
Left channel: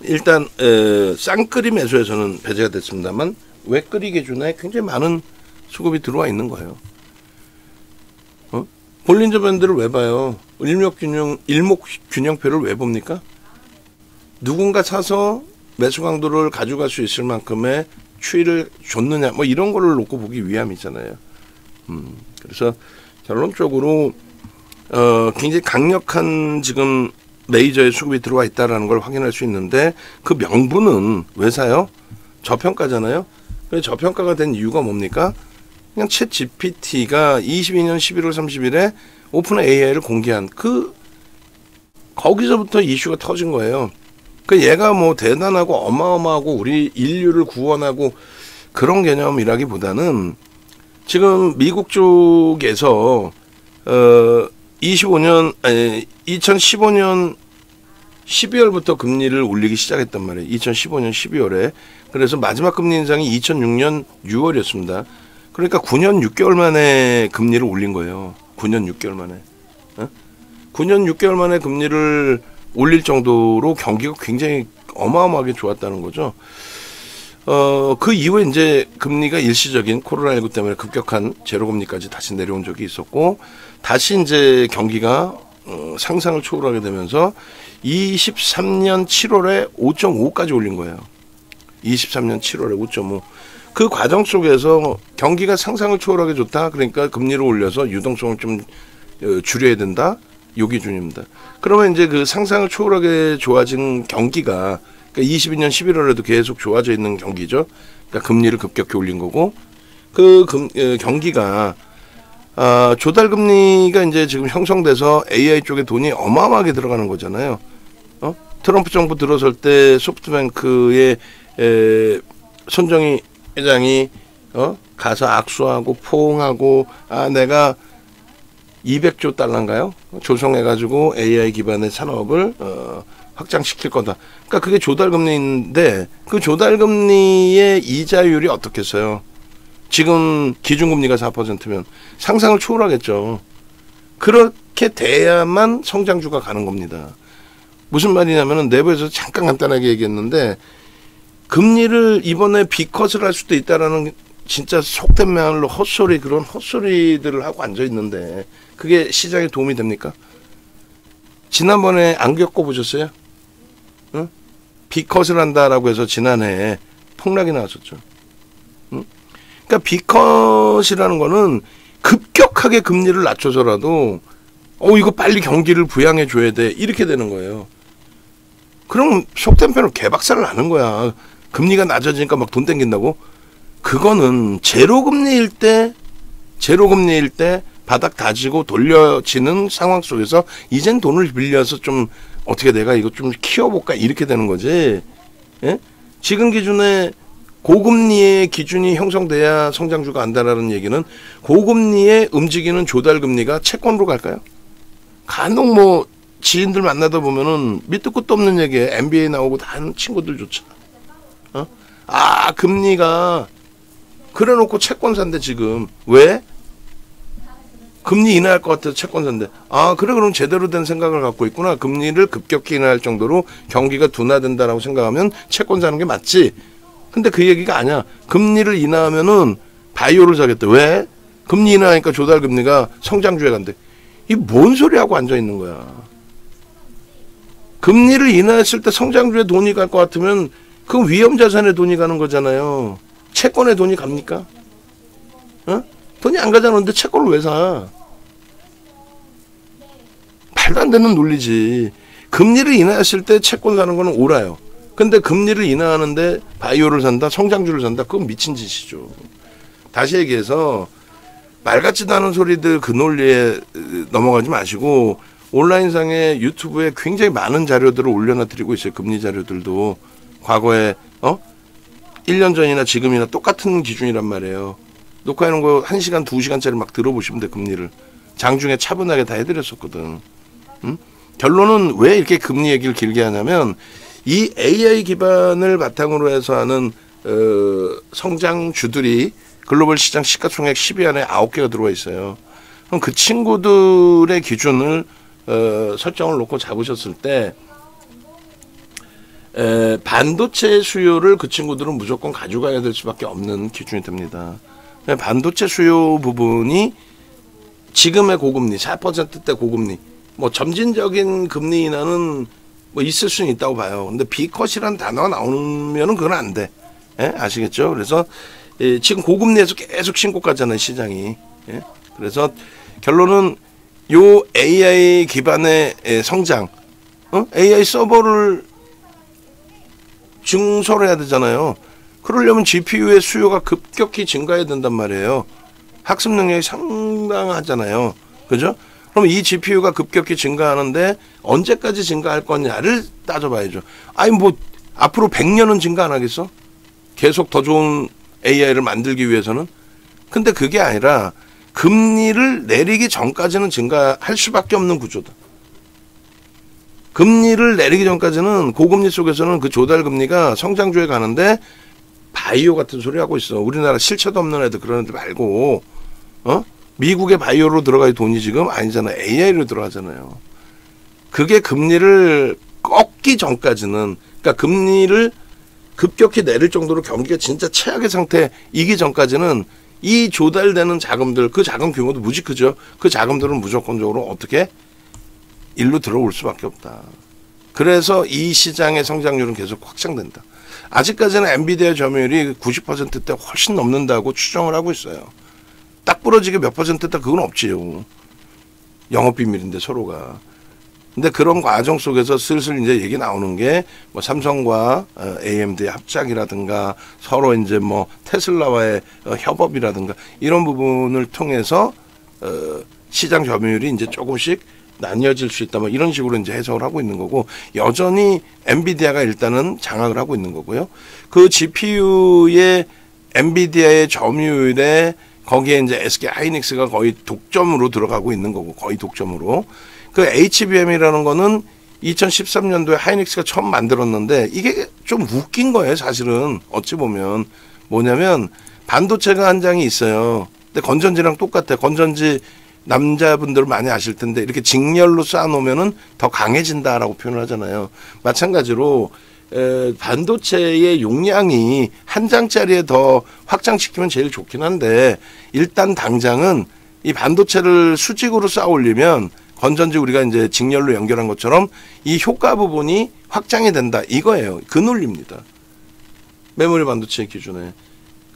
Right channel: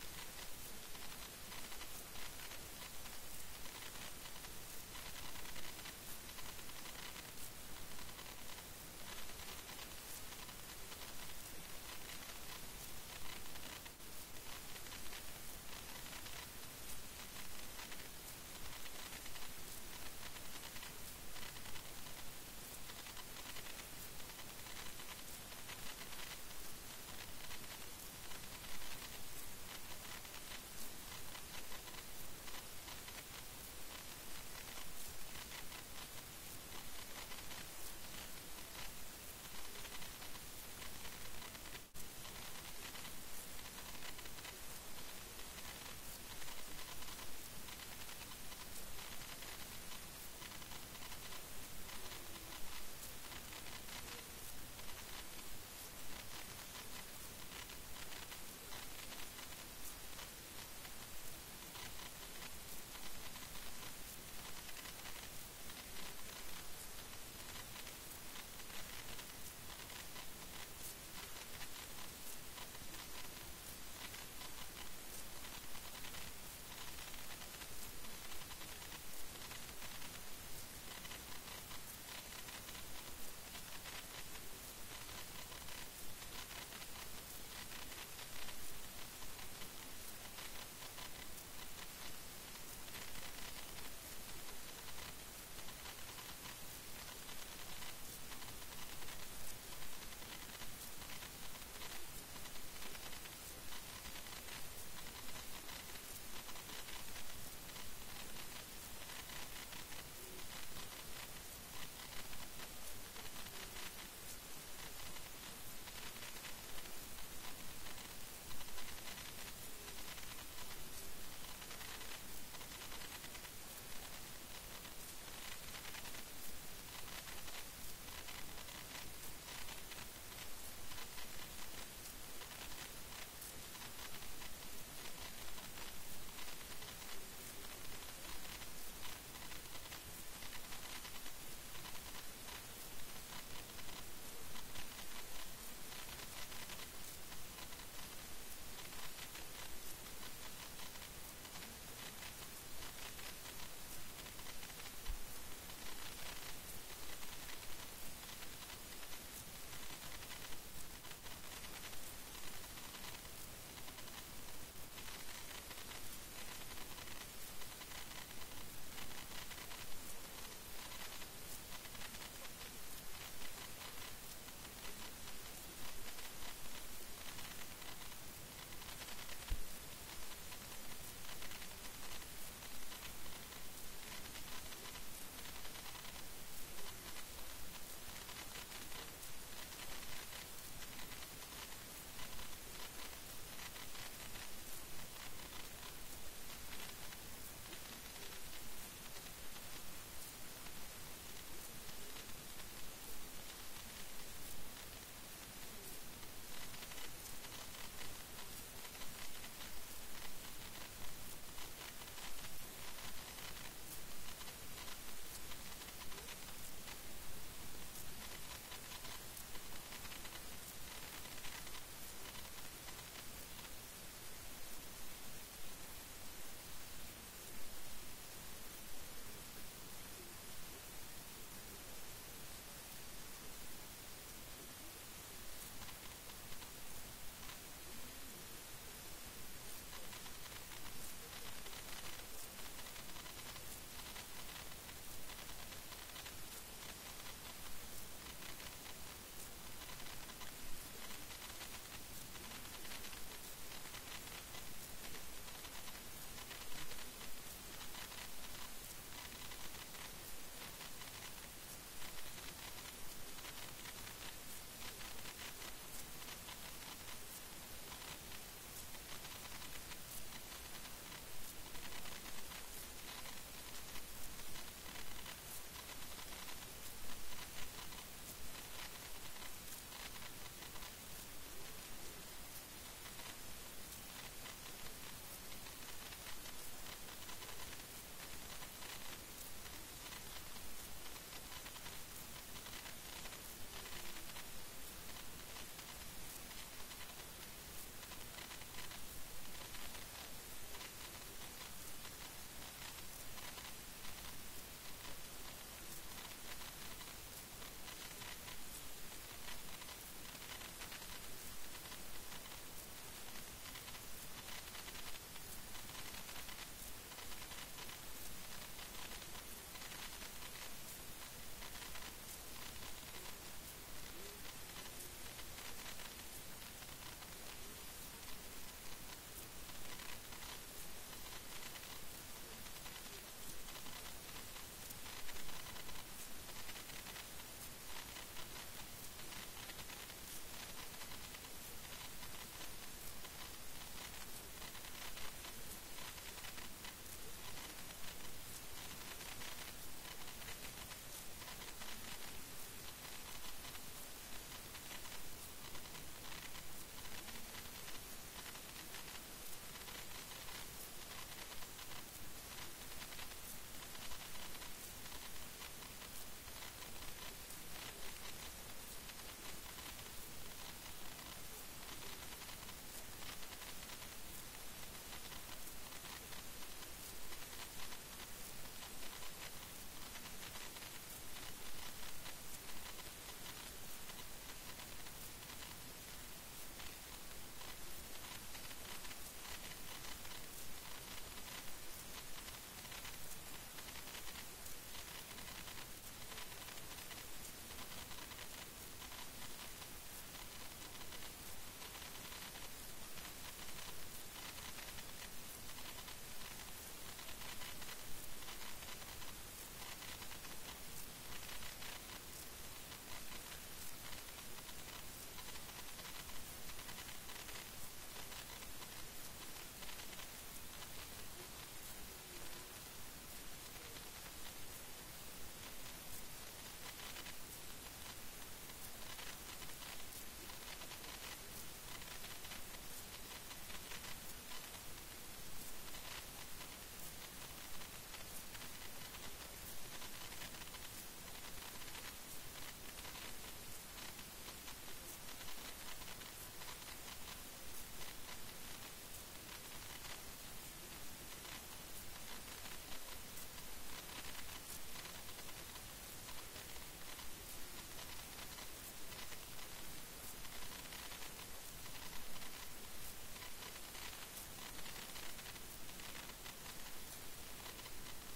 일단 쌍끌이 매수에서는 배제가 됐습니다만 외끌이 기준에 굉장히 많은 수급이 들어와 있는 거예요. 볼린저 밴드를 왜 봐요? 일목균형표를 왜 봅니까? 누군가 사서 매수 강도를 가져갈 수 있을 만큼의 추이를 줬느냐 뭐 이런 거를 놓고 보기 위함이잖아요. 그래서 결론적으로 굉장히 강력한 지금 메이저의 수급이 들어와 있다는 걸 확인할 수 있는데 그 명분은 왜 사요? 저평가잖아요. 저평가가 된 이유가 뭡니까? 그냥 챗 GPT가 22년 11월 30일에 오픈 AI를 공개한 거기서부터 이슈가 터진 거예요. 얘가 뭐 대단하고 어마어마하고 우리 인류를 구원하고 그런 개념이라기보다는 지금 미국 쪽에서 2015년 12월부터 금리를 올리기 시작했단 말이에요. 2015년 12월에. 그래서 마지막 금리 인상이 2006년 6월이었습니다. 그러니까 9년 6개월 만에 금리를 올린 거예요. 9년 6개월 만에. 9년 6개월 만에 금리를 올릴 정도로 경기가 굉장히 어마어마하게 좋았다는 거죠. 그 이후에 이제 금리가 일시적인 코로나19 때문에 급격한 제로금리까지 다시 내려온 적이 있었고, 다시 이제 경기가 상상을 초월하게 되면서 23년 7월에 5.5까지 올린 거예요. 23년 7월에 5.5. 그 과정 속에서 경기가 상상을 초월하게 좋다. 그러니까 금리를 올려서 유동성을 좀 줄여야 된다. 요 기준입니다. 그러면 이제 그 상상을 초월하게 좋아진 경기가 그러니까 22년 11월에도 계속 좋아져 있는 경기죠. 그러니까 금리를 급격히 올린 거고 그 경기가 조달 금리가 이제 지금 형성돼서 AI 쪽에 돈이 어마어마하게 들어가는 거잖아요. 트럼프 정부 들어설 때 소프트뱅크의 손정희 회장이 가서 악수하고 포옹하고 내가 200조 달러인가요? 조성해가지고 AI 기반의 산업을 확장시킬 거다. 그러니까 그게 조달금리인데 그 조달금리의 이자율이 어떻겠어요? 지금 기준금리가 4%면 상상을 초월하겠죠. 그렇게 돼야만 성장주가 가는 겁니다. 무슨 말이냐면은 내부에서 잠깐 간단하게 얘기했는데 금리를 이번에 비컷을 할 수도 있다라는 진짜 속된 말로 헛소리 그런 헛소리들을 하고 앉아 있는데 그게 시장에 도움이 됩니까? 지난번에 안 겪어보셨어요? 응? 비컷을 한다라고 해서 지난해에 폭락이 나왔었죠. 응? 그러니까 비컷이라는 거는 급격하게 금리를 낮춰서라도 이거 빨리 경기를 부양해 줘야 돼 이렇게 되는 거예요. 그럼 속된 표현으로 개박살을 나는 거야. 금리가 낮아지니까 막 돈 땡긴다고? 그거는 제로금리일 때 바닥 다지고 돌려지는 상황 속에서 이젠 돈을 빌려서 좀 어떻게 내가 이거 좀 키워볼까 이렇게 되는 거지. 예? 지금 기준에 고금리의 기준이 형성돼야 성장주가 안다라는 얘기는 고금리에 움직이는 조달금리가 채권으로 갈까요? 간혹 뭐 지인들 만나다 보면은 밑도 끝도 없는 얘기에 MBA 나오고 다 하는 친구들조차 금리가 그래놓고 채권 산대 지금. 왜? 금리 인하할 것 같아서 채권 산대. 그래 그럼 제대로 된 생각을 갖고 있구나. 금리를 급격히 인하할 정도로 경기가 둔화된다라고 생각하면 채권 사는 게 맞지. 근데 그 얘기가 아니야. 금리를 인하하면은 바이오를 사겠대. 왜? 금리 인하하니까 조달금리가 성장주에 간대. 이 뭔 소리 하고 앉아 있는 거야. 금리를 인하했을 때 성장주에 돈이 갈 것 같으면 그건 위험자산에 돈이 가는 거잖아요. 채권에 돈이 갑니까? 돈이 안 가잖아. 근데 채권을 왜 사? 말도 안 되는 논리지. 금리를 인하했을 때 채권 사는 거는 옳아요. 근데 금리를 인하하는데 바이오를 산다, 성장주를 산다, 그건 미친 짓이죠. 다시 얘기해서 말 같지도 않은 소리들 그 논리에 넘어가지 마시고 온라인상에 유튜브에 굉장히 많은 자료들을 올려놔드리고 있어요. 금리 자료들도. 과거에 1년 전이나 지금이나 똑같은 기준이란 말이에요. 녹화해놓은 거 1시간, 2시간짜리 막 들어보시면 돼. 금리를. 장중에 차분하게 다 해드렸었거든. 결론은 왜 이렇게 금리 얘기를 길게 하냐면 이 AI 기반을 바탕으로 해서 하는 성장주들이 글로벌 시장 시가총액 10위 안에 9개가 들어와 있어요. 그럼 그 친구들의 기준을 설정을 놓고 잡으셨을 때 반도체 수요를 그 친구들은 무조건 가져가야 될 수밖에 없는 기준이 됩니다. 반도체 수요 부분이 지금의 고금리 4%대 고금리 뭐 점진적인 금리 인하는 뭐 있을 수는 있다고 봐요. 근데 B컷이라는 단어가 나오면은 그건 안 돼. 예? 아시겠죠? 그래서 지금 고금리에서 계속 신고가잖아요, 시장이. 예? 그래서 결론은 요 AI 기반의 성장, AI 서버를 증설해야 를 되잖아요. 그러려면 GPU의 수요가 급격히 증가해야 된단 말이에요. 학습 능력이 상당하잖아요. 그죠? 그럼 이 GPU가 급격히 증가하는데 언제까지 증가할 거냐를 따져봐야죠. 아니 뭐 앞으로 100년은 증가 안 하겠어? 계속 더 좋은 AI를 만들기 위해서는? 근데 그게 아니라 금리를 내리기 전까지는 증가할 수밖에 없는 구조다. 금리를 내리기 전까지는 고금리 속에서는 그 조달금리가 성장주에 가는데 바이오 같은 소리 하고 있어. 우리나라 실체도 없는 애들 그런 애들 말고 미국의 바이오로 들어가야 돈이 지금 아니잖아요. AI로 들어가잖아요. 그게 금리를 꺾기 전까지는 그러니까 금리를 급격히 내릴 정도로 경기가 진짜 최악의 상태이기 전까지는 이 조달되는 자금들 그 자금 규모도 무지 크죠. 그 자금들은 무조건적으로 어떻게 일로 들어올 수밖에 없다. 그래서 이 시장의 성장률은 계속 확장된다. 아직까지는 엔비디아 점유율이 90%대 훨씬 넘는다고 추정을 하고 있어요. 딱 부러지게 몇 %대 그건 없지요. 영업비밀인데 서로가. 근데 그런 과정 속에서 슬슬 이제 얘기 나오는 게 뭐 삼성과 AMD의 합작이라든가 서로 이제 뭐 테슬라와의 협업이라든가 이런 부분을 통해서 시장 점유율이 이제 조금씩 나뉘어질 수 있다 뭐 이런 식으로 이제 해석을 하고 있는 거고 여전히 엔비디아가 일단은 장악을 하고 있는 거고요. 그 GPU의 엔비디아의 점유율에 거기에 이제 SK 하이닉스가 거의 독점으로 들어가고 있는 거고 거의 독점으로 그 HBM이라는 거는 2013년도에 하이닉스가 처음 만들었는데 이게 좀 웃긴 거예요. 사실은 어찌 보면 뭐냐면 반도체가 한 장이 있어요. 근데 건전지랑 똑같아. 건전지 남자분들 많이 아실 텐데 이렇게 직렬로 쌓아놓으면은 더 강해진다라고 표현을 하잖아요. 마찬가지로 반도체의 용량이 한 장짜리에 더 확장시키면 제일 좋긴 한데 일단 당장은 이 반도체를 수직으로 쌓아 올리면 건전지 우리가 이제 직렬로 연결한 것처럼 이 효과 부분이 확장이 된다 이거예요. 그 논리입니다. 메모리 반도체 기준에.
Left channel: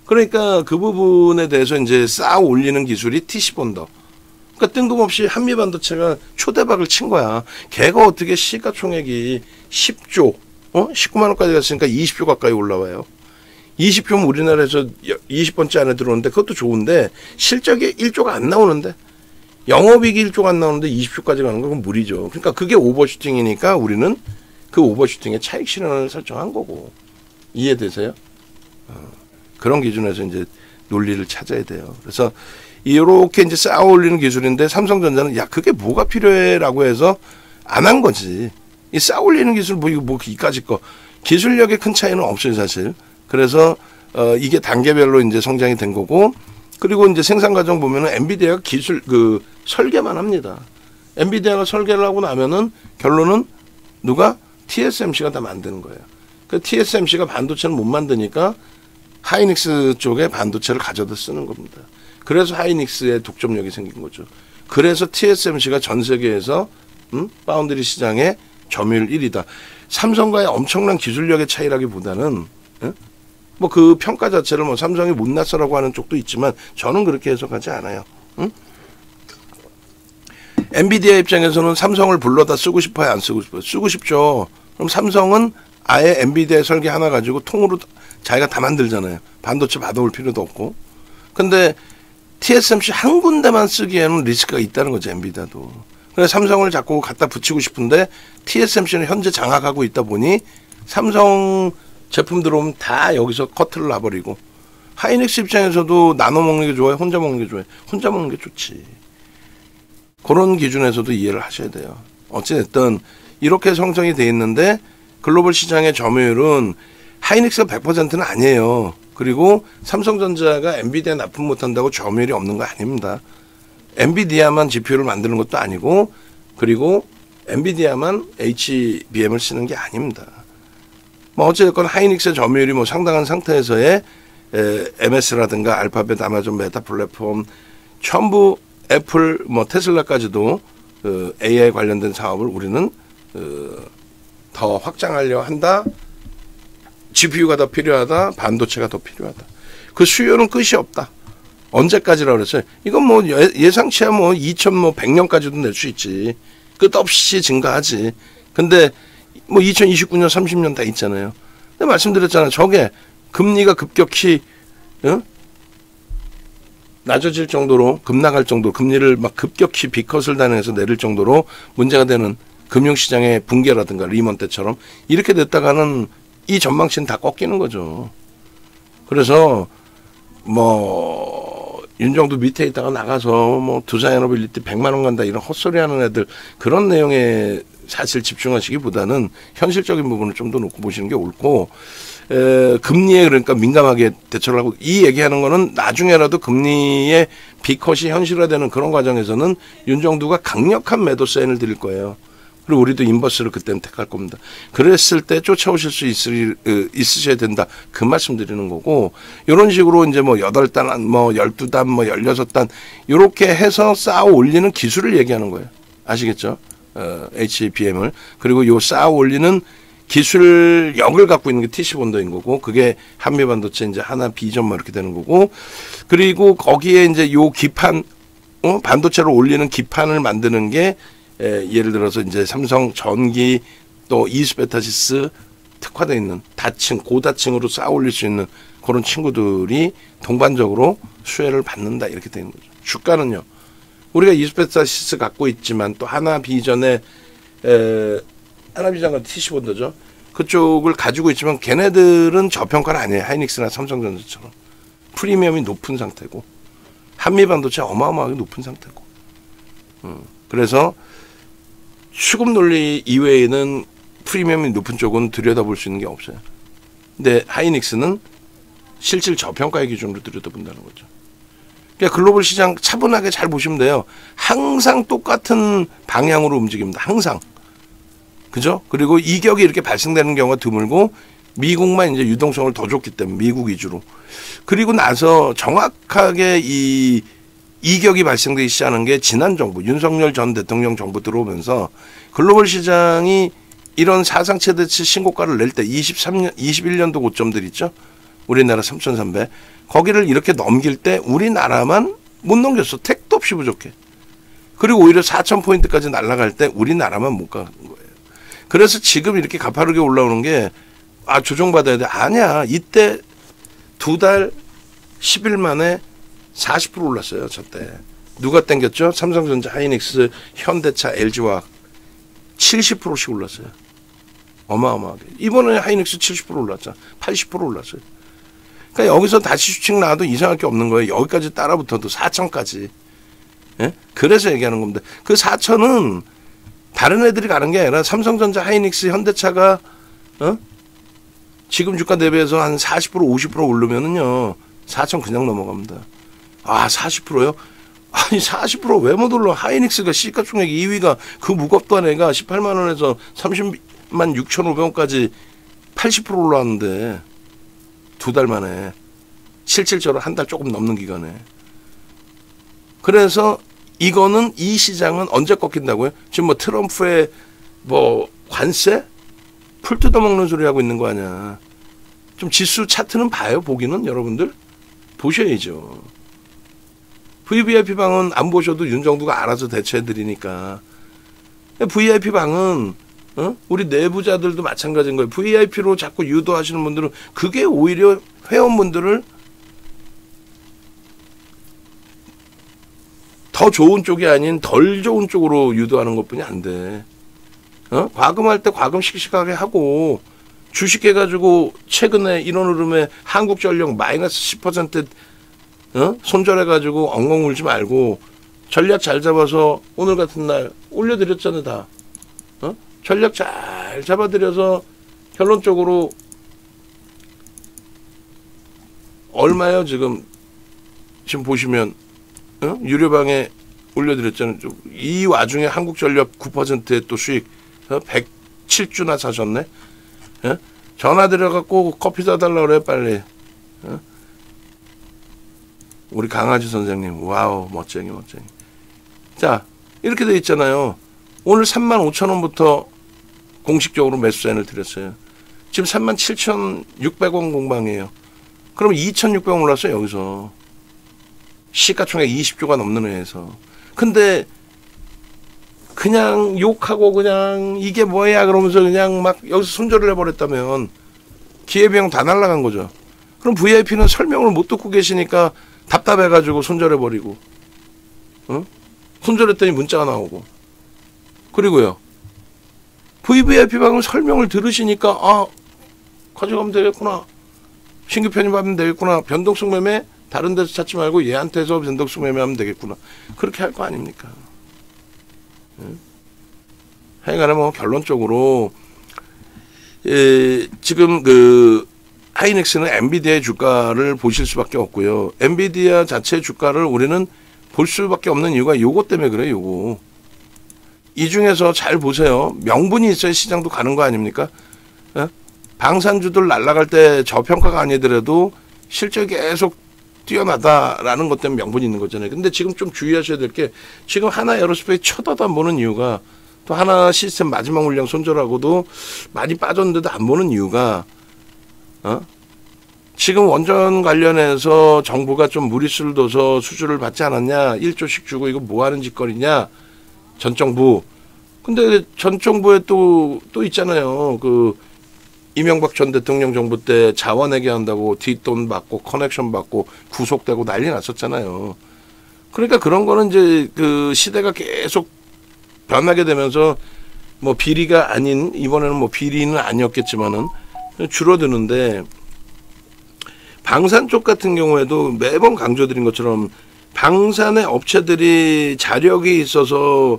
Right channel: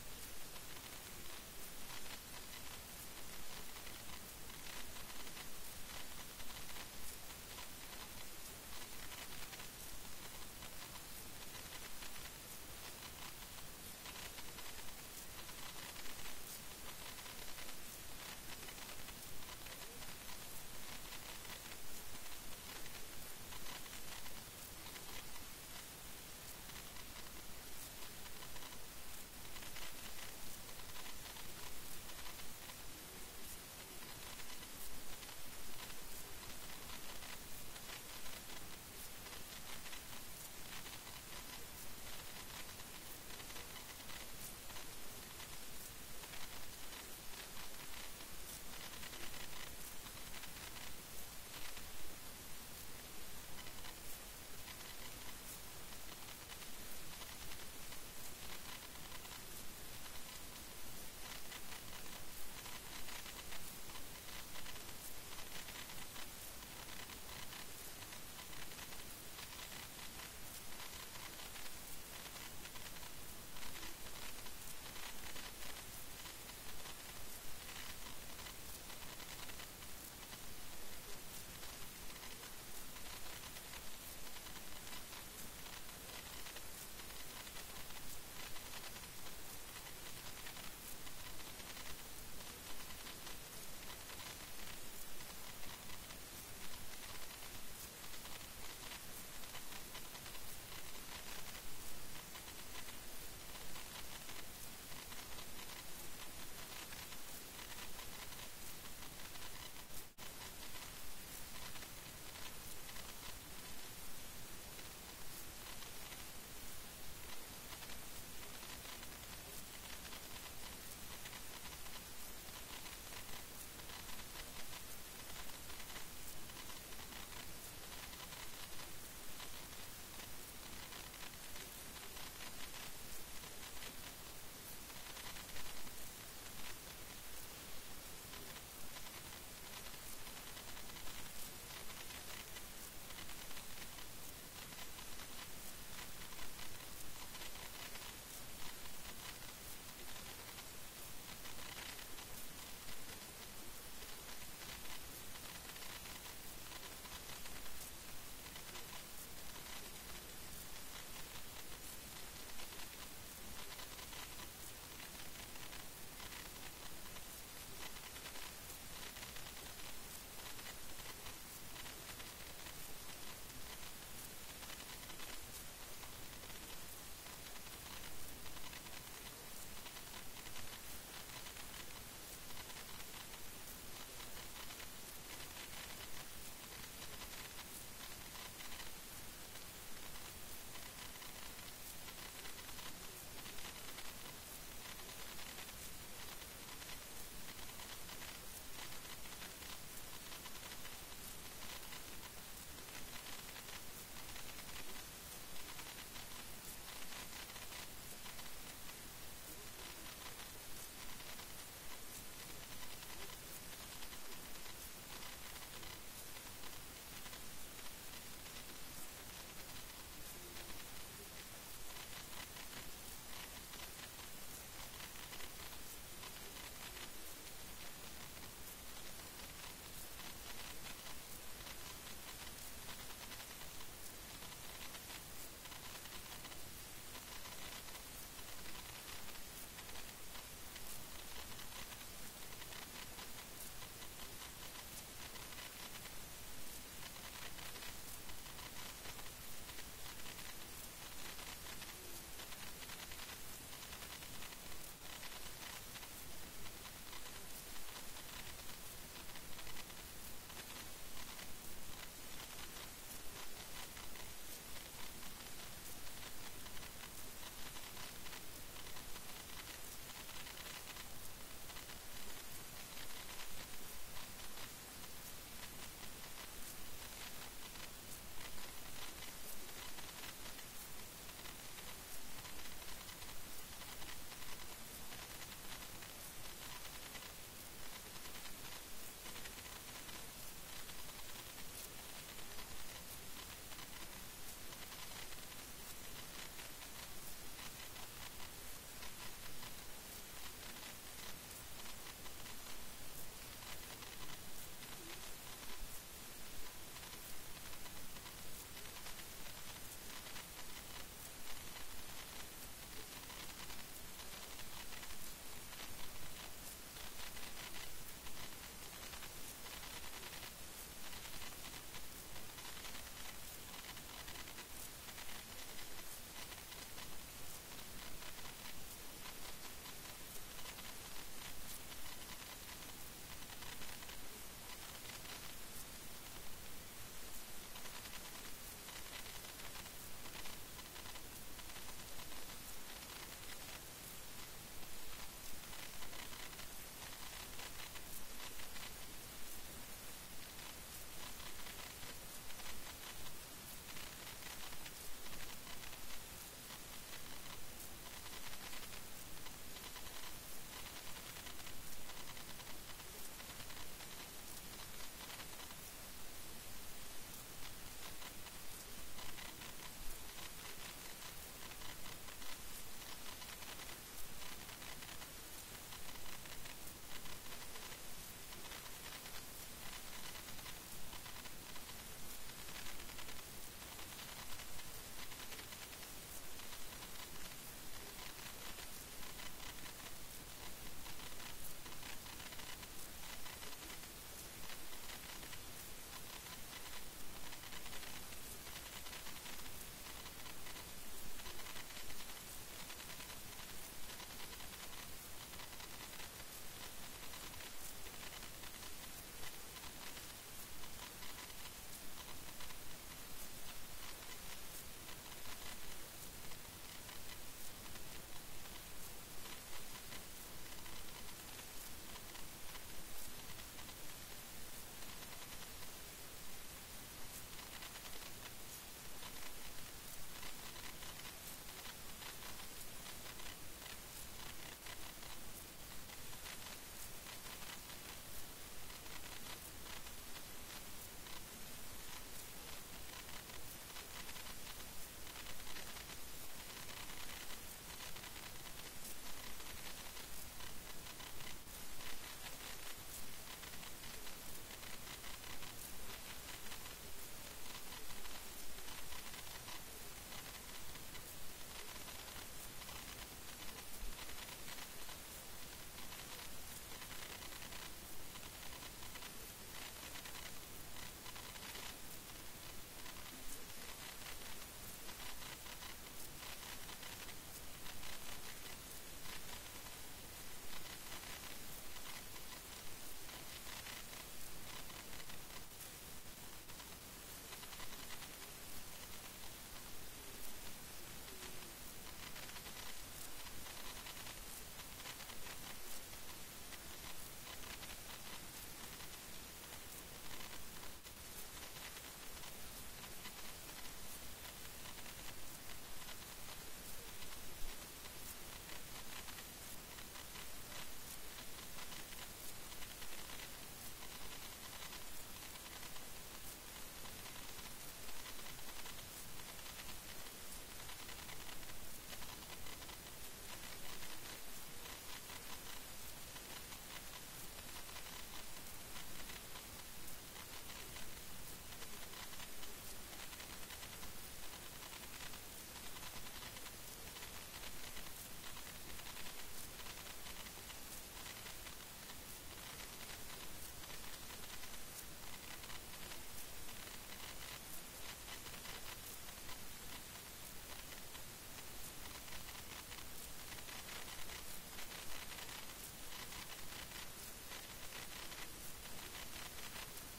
그러니까 그 부분에 대해서 이제 쌓아 올리는 기술이 TC본더. 그러니까 뜬금없이 한미반도체가 초대박을 친 거야. 걔가 어떻게 시가총액이 10조, 19만 원까지 갔으니까 20조 가까이 올라와요. 20조면 우리나라에서 20번째 안에 들어오는데 그것도 좋은데 실적이 1조가 안 나오는데 영업이익이 1조가 안 나오는데 20조까지 가는 건 무리죠. 그러니까 그게 오버슈팅이니까 우리는 그 오버슈팅의 차익 실현을 설정한 거고. 이해되세요? 그런 기준에서 이제 논리를 찾아야 돼요. 그래서 이렇게 이제 쌓아 올리는 기술인데 삼성전자는 야 그게 뭐가 필요해라고 해서 안 한 거지. 이 쌓아 올리는 기술 뭐 이거 뭐 이까짓 거 기술력의 큰 차이는 없어요 사실. 그래서 이게 단계별로 이제 성장이 된 거고 그리고 이제 생산 과정 보면은 엔비디아가 기술 그 설계만 합니다. 엔비디아가 설계를 하고 나면은 결론은 누가 TSMC가 다 만드는 거예요. 그 TSMC가 반도체를 못 만드니까 하이닉스 쪽에 반도체를 가져다 쓰는 겁니다. 그래서 하이닉스의 독점력이 생긴 거죠. 그래서 TSMC가 전 세계에서 파운드리 시장의 점유율 1위다. 삼성과의 엄청난 기술력의 차이라기보다는 뭐 그 평가 자체를 뭐 삼성이 못났어라고 하는 쪽도 있지만 저는 그렇게 해석하지 않아요. 엔비디아 입장에서는 삼성을 불러다 쓰고 싶어요, 안 쓰고 싶어요? 쓰고 싶죠. 그럼 삼성은 아예 엔비디아 설계 하나 가지고 통으로 자기가 다 만들잖아요. 반도체 받아올 필요도 없고. 근데 TSMC 한 군데만 쓰기에는 리스크가 있다는 거죠, 엔비디아도. 그래서 삼성을 자꾸 갖다 붙이고 싶은데 TSMC는 현재 장악하고 있다 보니 삼성 제품 들어오면 다 여기서 커트를 놔버리고 하이닉스 입장에서도 나눠 먹는 게 좋아요? 혼자 먹는 게 좋아요? 혼자 먹는 게 좋지. 그런 기준에서도 이해를 하셔야 돼요. 어찌됐든 이렇게 성장이 돼 있는데 글로벌 시장의 점유율은 하이닉스가 100%는 아니에요. 그리고 삼성전자가 엔비디아 납품 못한다고 점유율이 없는 거 아닙니다. 엔비디아만 GPU를 만드는 것도 아니고 그리고 엔비디아만 HBM을 쓰는 게 아닙니다. 뭐 어쨌든 하이닉스의 점유율이 뭐 상당한 상태에서의 MS라든가 알파벳, 아마존, 메타 플랫폼 전부 애플, 뭐 테슬라까지도 AI 관련된 사업을 우리는 더 확장하려 한다. GPU가 더 필요하다. 반도체가 더 필요하다. 그 수요는 끝이 없다. 언제까지라고 그랬어요? 이건 뭐 예상치야 뭐 2100년까지도 낼 수 있지. 끝없이 증가하지. 근데 뭐 2029년, 30년 다 있잖아요. 근데 말씀드렸잖아요. 저게 금리가 급격히 낮아질 정도로 급락할 정도로 금리를 막 급격히 B컷을 단행해서 내릴 정도로 문제가 되는 금융시장의 붕괴라든가 리먼 때처럼 이렇게 됐다가는 이 전망치는 다 꺾이는 거죠. 그래서 뭐 윤정도 밑에 있다가 나가서 뭐 두산에너빌리티 100만 원 간다 이런 헛소리 하는 애들 그런 내용에 사실 집중하시기보다는 현실적인 부분을 좀 더 놓고 보시는 게 옳고 금리에 그러니까 민감하게 대처를 하고 이 얘기하는 거는 나중에라도 금리의 B컷이 현실화되는 그런 과정에서는 윤정두가 강력한 매도 사인을 드릴 거예요. 그리고 우리도 인버스를 그때는 택할 겁니다. 그랬을 때 쫓아오실 수 있으셔야 된다. 그 말씀 드리는 거고 이런 식으로 이제 뭐 8단, 뭐 12단, 뭐 16단 이렇게 해서 쌓아 올리는 기술을 얘기하는 거예요. 아시겠죠? HBM을. 그리고 요 쌓아 올리는 기술력을 갖고 있는 게 TC본더인 거고 그게 한미반도체 이제 하나 비전 뭐 이렇게 되는 거고 그리고 거기에 이제 요 기판 반도체를 올리는 기판을 만드는 게 예를 들어서 이제 삼성 전기 또 이스베타시스 특화되어 있는 다층 고다층으로 쌓아 올릴 수 있는 그런 친구들이 동반적으로 수혜를 받는다 이렇게 되는 거죠. 주가는요. 우리가 이스베타시스 갖고 있지만 또 하나 비전에 하나비전과 TC본더죠. 그쪽을 가지고 있지만 걔네들은 저평가는 아니에요. 하이닉스나 삼성전자처럼. 프리미엄이 높은 상태고 한미반도체 어마어마하게 높은 상태고. 그래서 수급 논리 이외에는 프리미엄이 높은 쪽은 들여다볼 수 있는 게 없어요. 근데 하이닉스는 실질 저평가의 기준으로 들여다본다는 거죠. 그러니까 글로벌 시장 차분하게 잘 보시면 돼요. 항상 똑같은 방향으로 움직입니다. 항상. 그죠? 그리고 이격이 이렇게 발생되는 경우가 드물고 미국만 이제 유동성을 더 줬기 때문에 미국 위주로. 그리고 나서 정확하게 이 이격이 발생되기 시작하는 게 지난 정부, 윤석열 전 대통령 정부 들어오면서 글로벌 시장이 이런 사상 최대치 신고가를 낼 때 21년도 고점들 있죠? 우리나라 3,300. 거기를 이렇게 넘길 때 우리나라만 못 넘겼어. 택도 없이 부족해. 그리고 오히려 4,000포인트까지 날아갈 때 우리나라만 못 가는 거예요. 그래서 지금 이렇게 가파르게 올라오는 게 조정받아야 돼. 아니야. 이때 두 달 10일 만에 40% 올랐어요. 저때 누가 땡겼죠? 삼성전자, 하이닉스, 현대차, LG화학 70%씩 올랐어요. 어마어마하게. 이번에 하이닉스 70% 올랐죠. 80% 올랐어요. 그러니까 여기서 다시 수칙 나와도 이상할 게 없는 거예요. 여기까지 따라붙어도 4천까지. 예? 그래서 얘기하는 겁니다. 그 4천은 다른 애들이 가는 게 아니라 삼성전자, 하이닉스, 현대차가 지금 주가 대비해서 한 40% 50% 오르면은요 4천 그냥 넘어갑니다. 아 40%요? 아니 40% 왜 못 올라? 하이닉스가 시가총액 2위가 그 무겁던 애가 18만 원에서 30만 6,500원까지 80% 올라왔는데 두 달 만에 실질적으로 한 달 조금 넘는 기간에. 그래서 이거는 이 시장은 언제 꺾인다고요? 지금 뭐 트럼프의 뭐 관세? 풀 뜯어먹는 소리 하고 있는 거 아니야. 좀 지수 차트는 봐요. 보기는 여러분들 보셔야죠. VVIP 방은 안 보셔도 윤정두가 알아서 대처해드리니까. VIP 방은 우리 내부자들도 마찬가지인 거예요. VIP로 자꾸 유도하시는 분들은 그게 오히려 회원분들을 더 좋은 쪽이 아닌 덜 좋은 쪽으로 유도하는 것뿐이 안 돼. 과금할 때 과금 씩씩하게 하고 주식 해가지고 최근에 이런 흐름에 한국전력 마이너스 10% 손절해가지고 엉엉 울지 말고 전략 잘 잡아서 오늘 같은 날 올려드렸잖아요. 다. 전략 잘 잡아드려서 결론적으로 얼마요? 지금 보시면 유료방에 올려드렸잖아요. 이 와중에 한국전력 9%의 또 수익 107주나 사셨네. 전화 드려갖고 커피 사달라고 그래 빨리. 우리 강아지 선생님 와우 멋쟁이. 자 이렇게 돼 있잖아요. 오늘 35,000원부터 공식적으로 매수 사인을 드렸어요. 지금 37,600원 공방이에요. 그럼 2,600원 올랐어요. 여기서 시가총액 20조가 넘는 회에서. 근데 그냥 욕하고 그냥 이게 뭐야 그러면서 그냥 막 여기서 손절을 해버렸다면 기회비용 다 날라간 거죠. 그럼 VIP는 설명을 못 듣고 계시니까 답답해가지고 손절해버리고 손절했더니 문자가 나오고. 그리고요 VVIP 방은 설명을 들으시니까 아 가져가면 되겠구나, 신규 편입하면 되겠구나, 변동성 매매 다른 데서 찾지 말고 얘한테서 변동성 매매하면 되겠구나, 그렇게 할 거 아닙니까? 하여간에 뭐 결론적으로 지금 그 하이닉스는 엔비디아의 주가를 보실 수밖에 없고요. 엔비디아 자체 주가를 우리는 볼 수밖에 없는 이유가 요거 때문에 그래요. 요거. 이 중에서 잘 보세요. 명분이 있어야 시장도 가는 거 아닙니까? 방산주들 날아갈 때 저평가가 아니더라도 실적이 계속 뛰어나다라는 것 때문에 명분이 있는 거잖아요. 근데 지금 좀 주의하셔야 될 게 지금 하나 에어로스페이스 쳐다도 안 보는 이유가, 또 하나 시스템 마지막 물량 손절하고도 많이 빠졌는데도 안 보는 이유가 지금 원전 관련해서 정부가 좀 무리수를 둬서 수주를 받지 않았냐, 1조씩 주고 이거 뭐 하는 짓거리냐, 전 정부. 근데 전 정부에 또 있잖아요. 그 이명박 전 대통령 정부 때 자원회계 한다고 뒷돈 받고 커넥션 받고 구속되고 난리 났었잖아요. 그러니까 그런 거는 이제 그 시대가 계속 변하게 되면서 뭐 비리가 아닌, 이번에는 뭐 비리는 아니었겠지만은 줄어드는데, 방산 쪽 같은 경우에도 매번 강조드린 것처럼 방산의 업체들이 자력이 있어서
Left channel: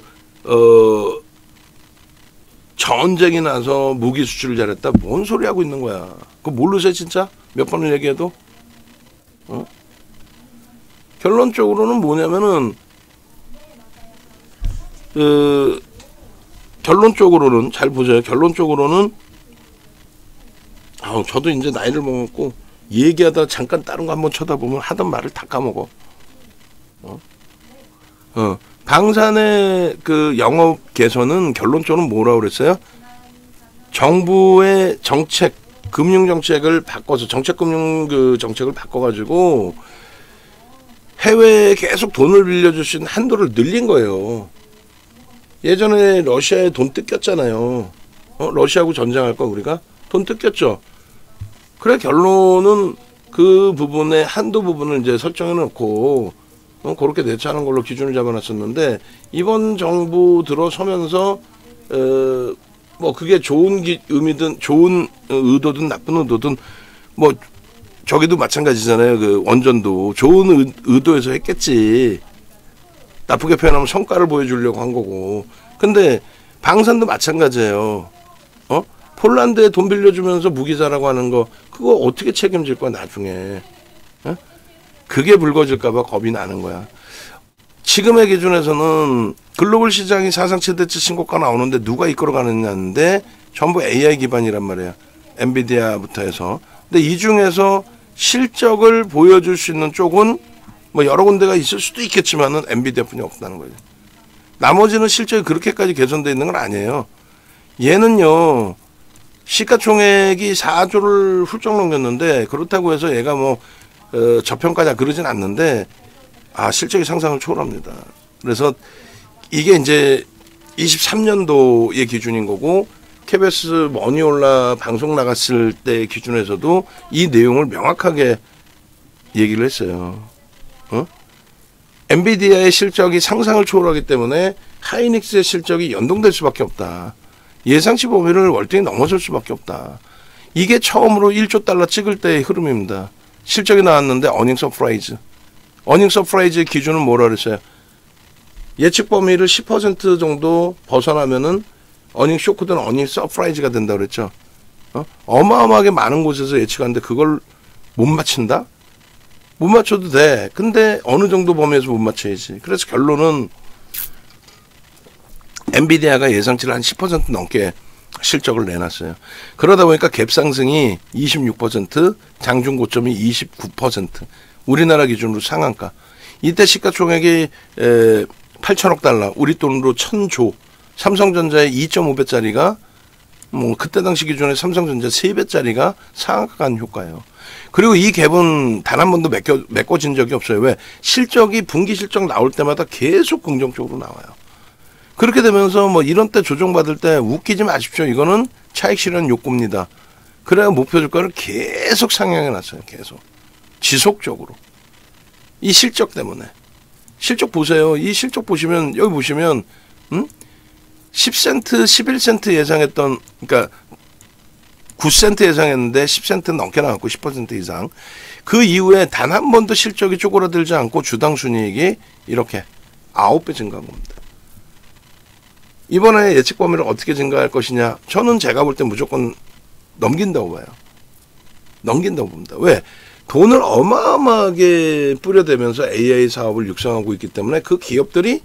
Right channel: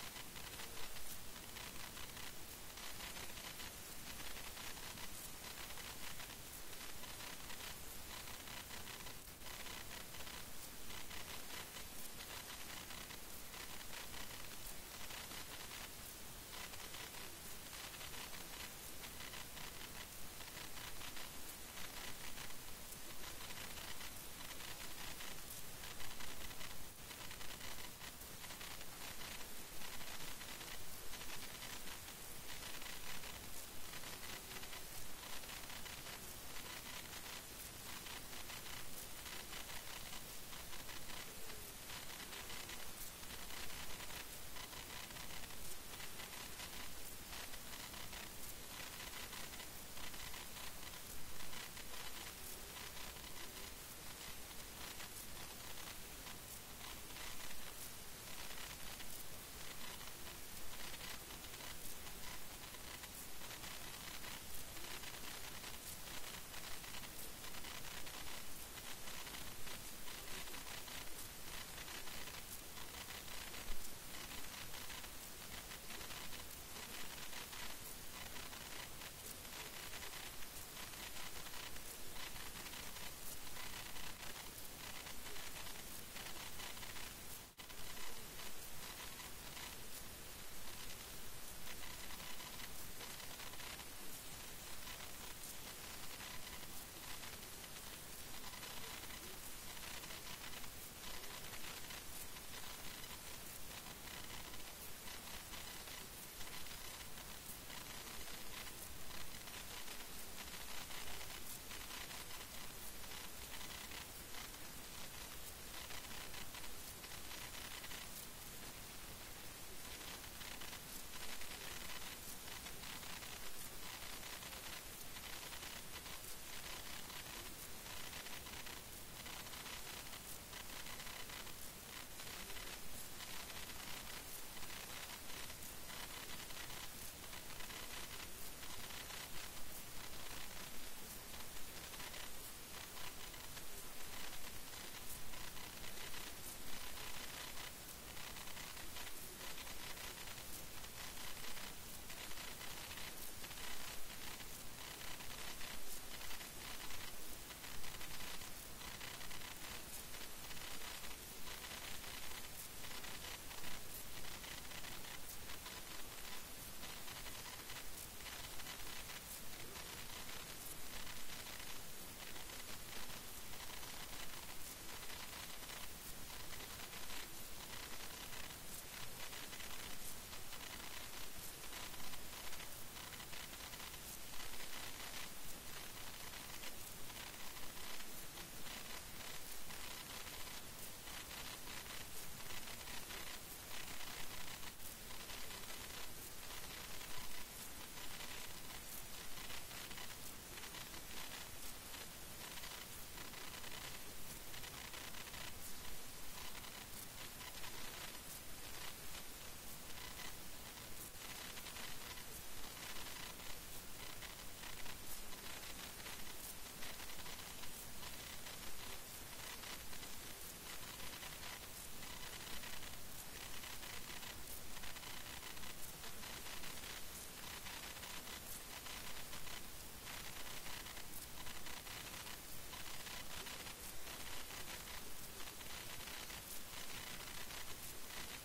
전쟁이 나서 무기 수출을 잘했다. 뭔 소리 하고 있는 거야. 그거 모르세요 진짜? 몇 번을 얘기해도? 결론적으로는 뭐냐면은 결론적으로는 잘 보세요. 결론적으로는 저도 이제 나이를 먹었고 얘기하다 잠깐 다른 거 한번 쳐다보면 하던 말을 다 까먹어. 방산의 그 영업 개선은 결론적으로 뭐라고 그랬어요? 정부의 정책, 금융 정책을 바꿔서 정책금융 그 정책을 바꿔가지고 해외에 계속 돈을 빌려줄 수 있는 한도를 늘린 거예요. 예전에 러시아에 돈 뜯겼잖아요. 러시아하고 전쟁할 거 우리가 돈 뜯겼죠. 그래 결론은 그 부분에 한도 부분을 이제 설정해 놓고 그렇게 대처하는 걸로 기준을 잡아놨었는데 이번 정부 들어서면서 뭐 그게 좋은 의미든 좋은 의도든 나쁜 의도든 뭐 저기도 마찬가지잖아요. 그 원전도 좋은 의도에서 했겠지. 나쁘게 표현하면 성과를 보여주려고 한 거고. 근데 방산도 마찬가지예요. 폴란드에 돈 빌려주면서 무기자라고 하는 거 그거 어떻게 책임질 거야 나중에. 그게 불거질까 봐 겁이 나는 거야. 지금의 기준에서는 글로벌 시장이 사상 최대치 신고가 나오는데 누가 이끌어가느냐인데 전부 AI 기반이란 말이야. 엔비디아부터 해서. 근데 이 중에서 실적을 보여줄 수 있는 쪽은 뭐 여러 군데가 있을 수도 있겠지만은 엔비디아뿐이 없다는 거죠. 나머지는 실적이 그렇게까지 개선되어 있는 건 아니에요. 얘는요. 시가총액이 4조를 훌쩍 넘겼는데 그렇다고 해서 얘가 뭐 저평가냐 그러진 않는데 실적이 상상을 초월합니다. 그래서 이게 이제 23년도의 기준인 거고 KBS 머니올라 방송 나갔을 때 기준에서도 이 내용을 명확하게 얘기를 했어요. 엔비디아의 실적이 상상을 초월하기 때문에 하이닉스의 실적이 연동될 수밖에 없다. 예상치 범위를 월등히 넘어설 수밖에 없다. 이게 처음으로 1조 달러 찍을 때의 흐름입니다. 실적이 나왔는데 어닝 서프라이즈. 어닝 서프라이즈의 기준은 뭐라 그랬어요? 예측 범위를 10% 정도 벗어나면은 어닝 쇼크든 어닝 서프라이즈가 된다고 그랬죠. 어마어마하게 많은 곳에서 예측하는데 그걸 못 맞춘다? 못 맞춰도 돼. 근데 어느 정도 범위에서 못 맞춰야지. 그래서 결론은 엔비디아가 예상치를 한 10% 넘게 실적을 내놨어요. 그러다 보니까 갭 상승이 26%, 장중 고점이 29%. 우리나라 기준으로 상한가. 이때 시가총액이 8천억 달러, 우리 돈으로 1000조. 삼성전자의 2.5배짜리가 뭐 그때 당시 기준에 삼성전자 3배짜리가 상한가 간 효과예요. 그리고 이 갭은 단 한 번도 메꿔진 적이 없어요. 왜? 실적이 분기 실적 나올 때마다 계속 긍정적으로 나와요. 그렇게 되면서 뭐 이런 때 조정받을 때 웃기지 마십시오. 이거는 차익 실현 욕구입니다. 그래야 목표 주가를 계속 상향해 놨어요. 계속. 지속적으로. 이 실적 때문에. 실적 보세요. 이 실적 보시면 여기 보시면 10센트, 11센트 예상했던 그러니까 9센트 예상했는데 10센트 넘게 나왔고 10% 이상. 그 이후에 단 한 번도 실적이 쪼그라들지 않고 주당 순이익이 이렇게 9배 증가한 겁니다. 이번에 예측 범위를 어떻게 증가할 것이냐? 저는 제가 볼 때 무조건 넘긴다고 봐요. 넘긴다고 봅니다. 왜? 돈을 어마어마하게 뿌려대면서 AI 사업을 육성하고 있기 때문에 그 기업들이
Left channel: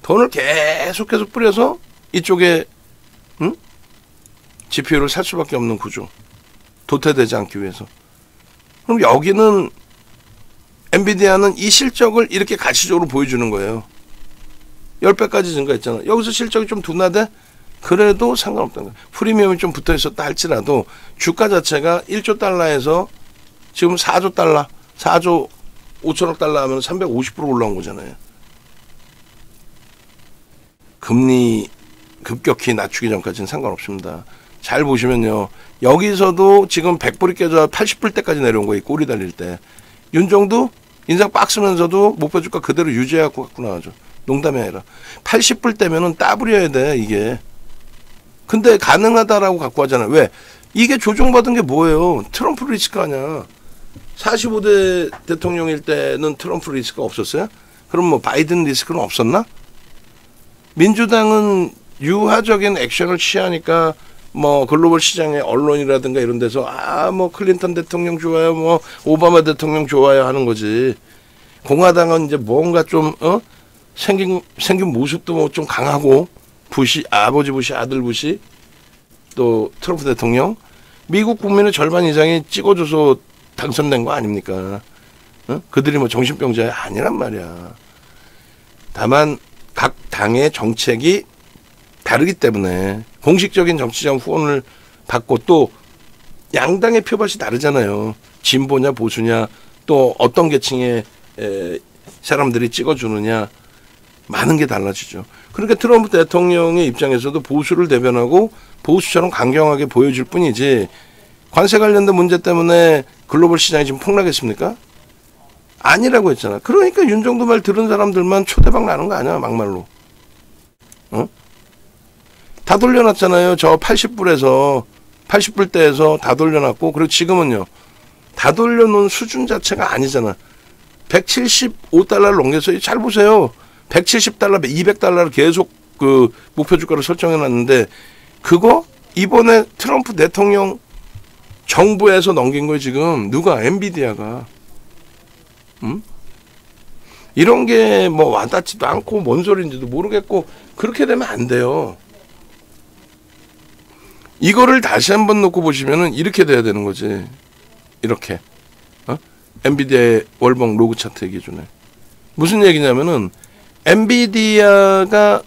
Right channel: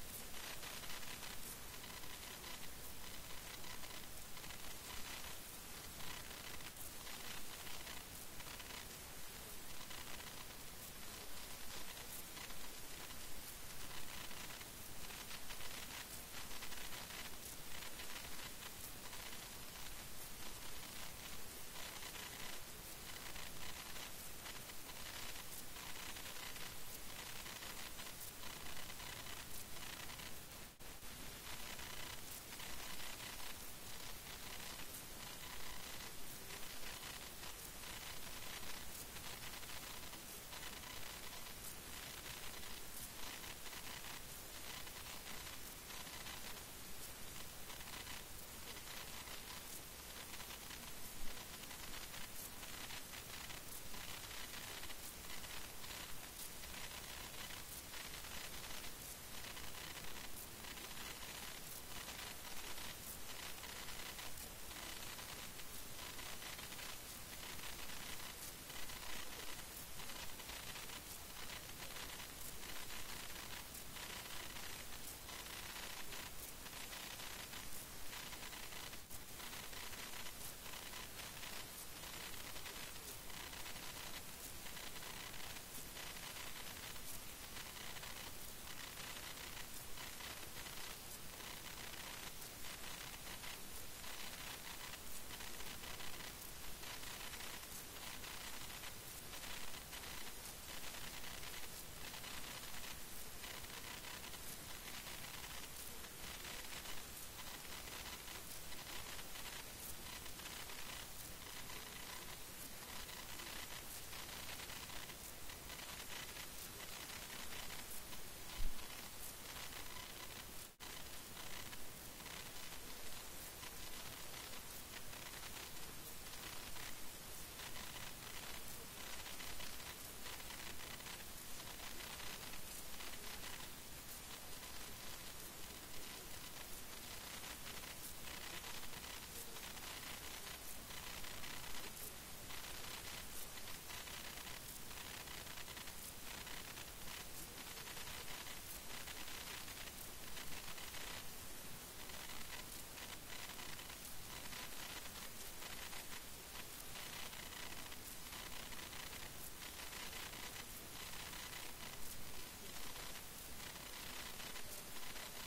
돈을 계속해서 뿌려서 이쪽에 GPU를 살 수밖에 없는 구조. 도태되지 않기 위해서. 그럼 여기는 엔비디아는 이 실적을 이렇게 가시적으로 보여주는 거예요. 10배까지 증가했잖아. 여기서 실적이 좀 둔화돼? 그래도 상관없다는 거예요. 프리미엄이 좀 붙어있었다 할지라도 주가 자체가 1조 달러에서 지금 4조 달러, 4조 5천억 달러 하면 350% 올라온 거잖아요. 금리 급격히 낮추기 전까지는 상관없습니다. 잘 보시면요. 여기서도 지금 100불이 깨져 80불 때까지 내려온 거예요. 꼬리 달릴 때. 윤정도 인상 빡 쓰면서도 목표 주가 그대로 유지해갖고 갖고 나가죠. 농담이 아니라. 80불 때면은 따블이어야 돼, 이게. 근데 가능하다라고 갖고 하잖아요. 왜? 이게 조정받은 게 뭐예요? 트럼프 리스크 아니야. 45대 대통령일 때는 트럼프 리스크가 없었어요? 그럼 뭐 바이든 리스크는 없었나? 민주당은 유화적인 액션을 취하니까 뭐 글로벌 시장의 언론이라든가 이런 데서 뭐 클린턴 대통령 좋아요, 뭐 오바마 대통령 좋아요 하는 거지. 공화당은 이제 뭔가 좀 생긴 모습도 뭐 좀 강하고 부시 아버지 부시 아들 부시 또 트럼프 대통령 미국 국민의 절반 이상이 찍어줘서 당선된 거 아닙니까? 그들이 뭐 정신병자야 아니란 말이야. 다만 각 당의 정책이 다르기 때문에 공식적인 정치적 후원을 받고 또 양당의 표밭이 다르잖아요. 진보냐 보수냐 또 어떤 계층의 사람들이 찍어주느냐 많은 게 달라지죠. 그러니까 트럼프 대통령의 입장에서도 보수를 대변하고 보수처럼 강경하게 보여줄 뿐이지 관세 관련된 문제 때문에 글로벌 시장이 지금 폭락했습니까? 아니라고 했잖아. 그러니까 윤정도 말 들은 사람들만 초대박 나는 거 아니야, 막말로. 어? 다 돌려놨잖아요. 저 80불대에서 다 돌려놨고, 그리고 지금은요, 다 돌려놓은 수준 자체가 아니잖아. 175달러를 넘겨서 잘 보세요. 170달러, 200달러를 계속 그 목표 주가를 설정해놨는데, 그거 이번에 트럼프 대통령 정부에서 넘긴 거예요. 지금 누가? 엔비디아가. 이런 게 뭐 와닿지도 않고 뭔 소리인지도 모르겠고 그렇게 되면 안 돼요. 이거를 다시 한번 놓고 보시면은 이렇게 돼야 되는 거지. 이렇게. 엔비디아의 월봉 로그 차트의 기준에. 무슨 얘기냐면은 엔비디아가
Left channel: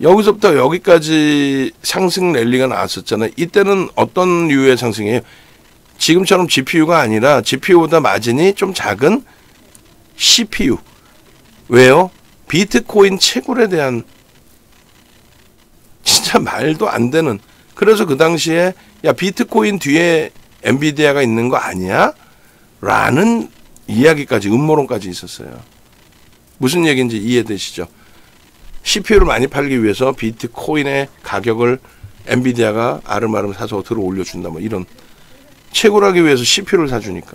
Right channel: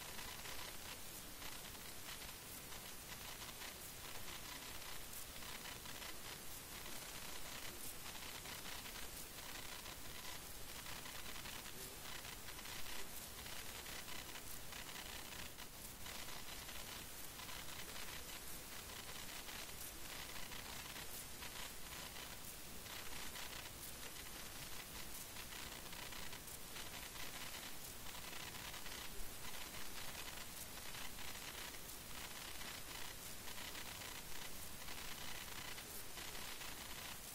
여기서부터 여기까지 상승 랠리가 나왔었잖아요. 이때는 어떤 류의 상승이에요? 지금처럼 GPU가 아니라 GPU보다 마진이 좀 작은 CPU. 왜요? 비트코인 채굴에 대한 진짜 말도 안 되는. 그래서 그 당시에 야 비트코인 뒤에 엔비디아가 있는 거 아니야? 라는 이야기까지 음모론까지 있었어요. 무슨 얘기인지 이해되시죠? CPU를 많이 팔기 위해서 비트코인의 가격을 엔비디아가 아름아름 사서 들어 올려준다 뭐 이런. 채굴하기 위해서 CPU를 사주니까.